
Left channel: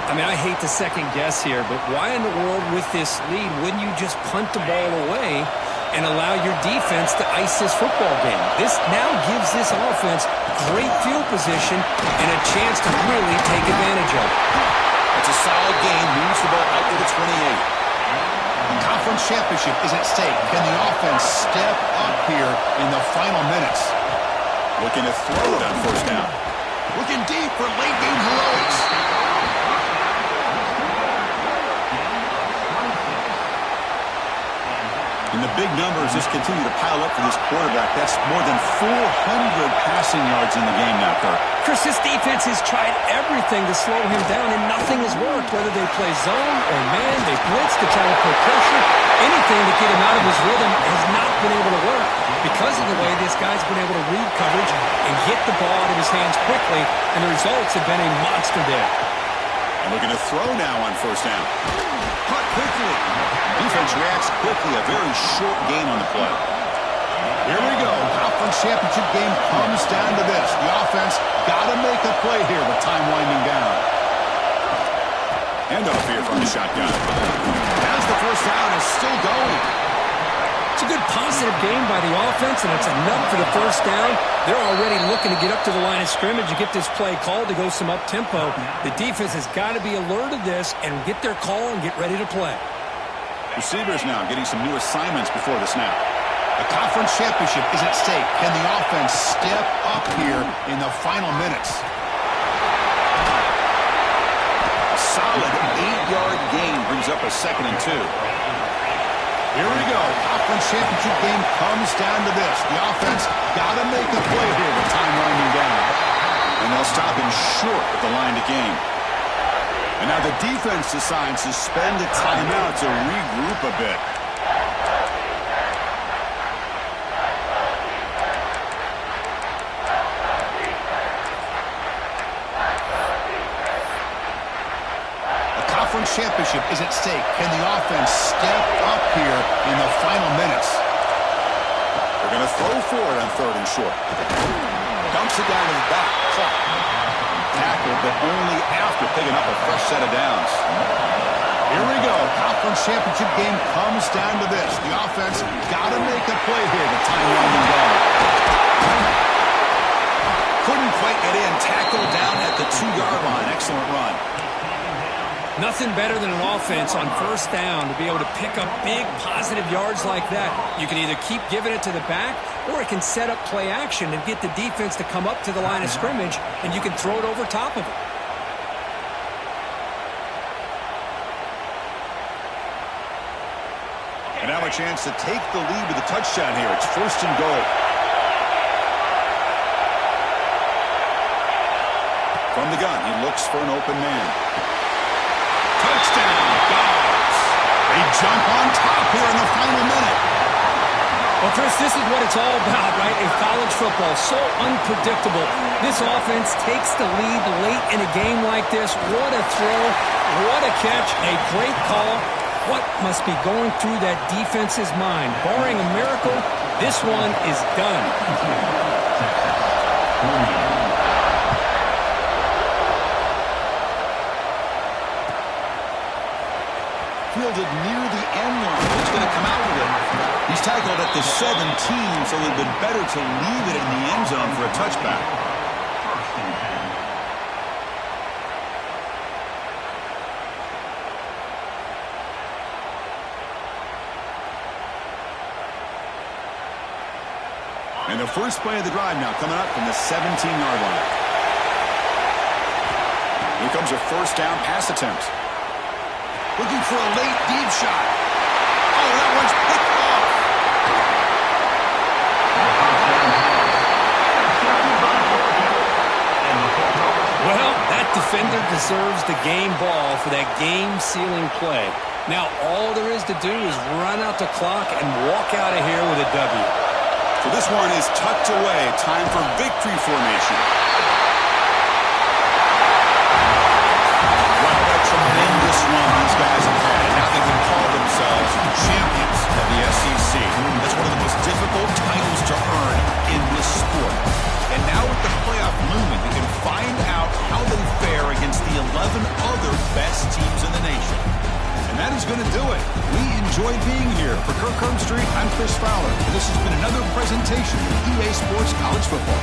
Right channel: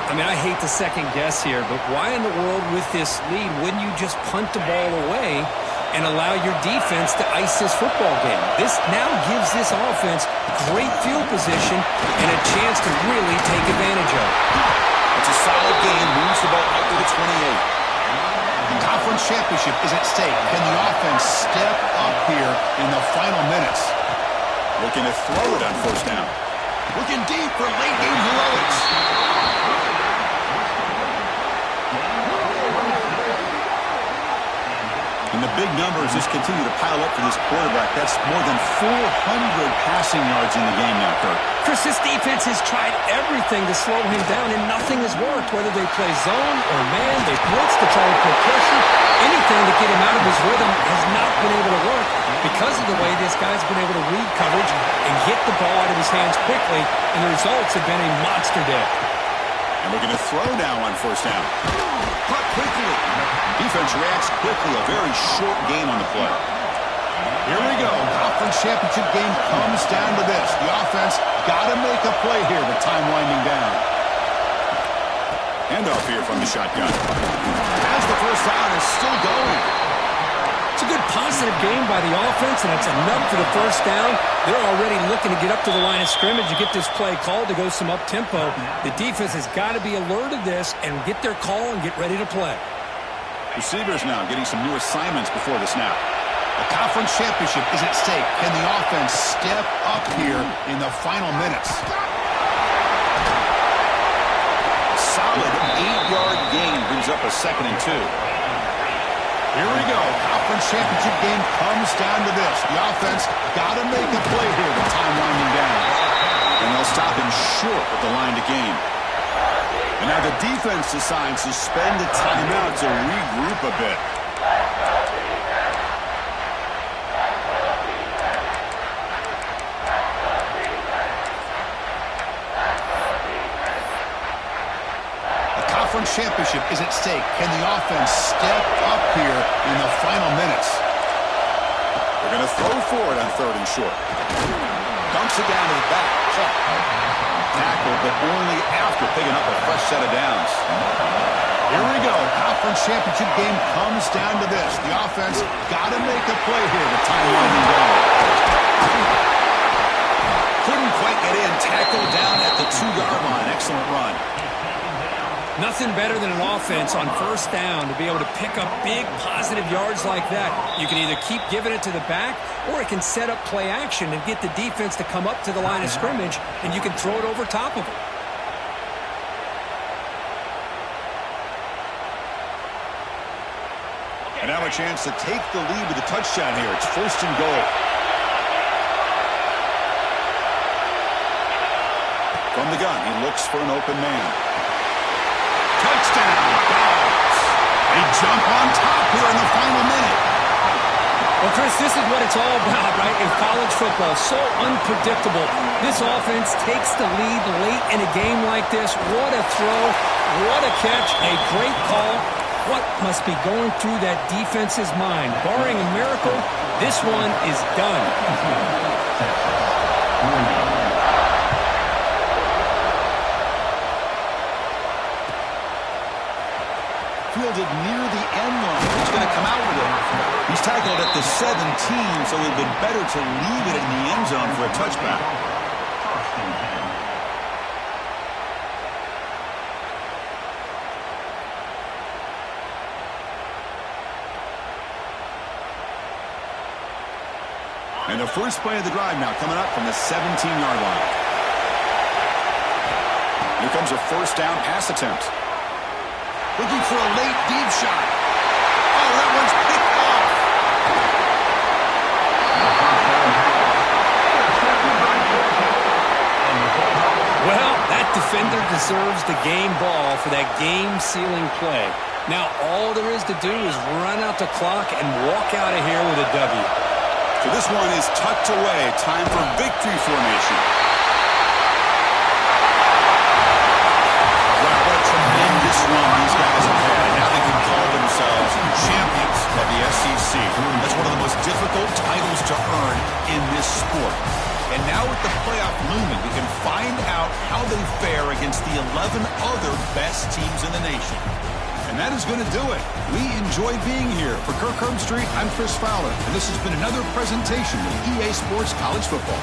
I mean, I hate to second guess here, but why in the world with this lead wouldn't you just punt the ball away and allow your defense to ice this football game? This now gives this offense great field position and a chance to really take advantage of it. It's a solid game. Moves the ball out to the 28. The conference championship is at stake. Can the offense step up here in the final minutes? Looking to throw it on first down. Looking deep for late game heroics. And the big numbers just continue to pile up for this quarterback. That's more than 400 passing yards in the game now, Kirk. Chris, this defense has tried everything to slow him down, and nothing has worked. Whether they play zone or man, they blitz to try to put pressure. Anything to get him out of his rhythm has not been able to work because of the way this guy's been able to read coverage and get the ball out of his hands quickly, and the results have been a monster day. And looking to throw now on first down. Caught quickly. Defense reacts quickly. A very short gain on the play. Here we go. Conference championship game comes down to this. The offense got to make a play here with time winding down. Handoff here from the shotgun. As the first down is still going. It's a good positive game by the offense, and it's enough for the first down. They're already looking to get up to the line of scrimmage to get this play called to go some up-tempo. The defense has got to be alert of this and get their call and get ready to play. Receivers now getting some new assignments before the snap. The conference championship is at stake. Can the offense step up here in the final minutes? A solid 8-yard gain brings up a 2nd and 2. Here we go. Conference championship game comes down to this. The offense got to make a play here with time winding down. And they'll stop him short of the line to gain. And now the defense decides to spend a timeout to regroup a bit. Conference championship is at stake. Can the offense step up here in the final minutes? They're going to throw for it on 3rd and short. Dumps it down to the back. Caught. Tackle, but only after picking up a fresh set of downs. Here we go. Conference championship game comes down to this. The offense got to make a play here with time winding down. Couldn't quite get in. Tackled down at the 2-yard line. Excellent run. Nothing better than an offense on first down to be able to pick up big positive yards like that. You can either keep giving it to the back, or it can set up play action and get the defense to come up to the line of scrimmage, and you can throw it over top of it. And now a chance to take the lead with a touchdown here. It's 1st and goal. From the gun, he looks for an open man. Touchdown, Dogs. They jump on top here in the final minute. Well, Chris, this is what it's all about, right, in college football. So unpredictable. This offense takes the lead late in a game like this. What a throw. What a catch. A great call. What must be going through that defense's mind? Barring a miracle, this one is done. Fielded near the end line. He's going to come out with it. He's tackled at the 17, so it would have been better to leave it in the end zone for a touchback. 1st and 10. And the first play of the drive now coming up from the 17-yard line. Here comes a first down pass attempt. Looking for a late deep shot. Oh, that one's picked off. Well, that defender deserves the game ball for that game-sealing play. Now, all there is to do is run out the clock and walk out of here with a W. So this one is tucked away. Time for victory formation. Wow, what a tremendous run these guys have had. And now they can call themselves champions of the SEC. That's one of the most difficult titles to earn in this sport. And now with the playoff looming, we can find out how they fare against the 11 other best teams in the nation. And that is going to do it. We enjoy being here. For Kirk Herbstreit, I'm Chris Fowler. And this has been another presentation of EA Sports College Football.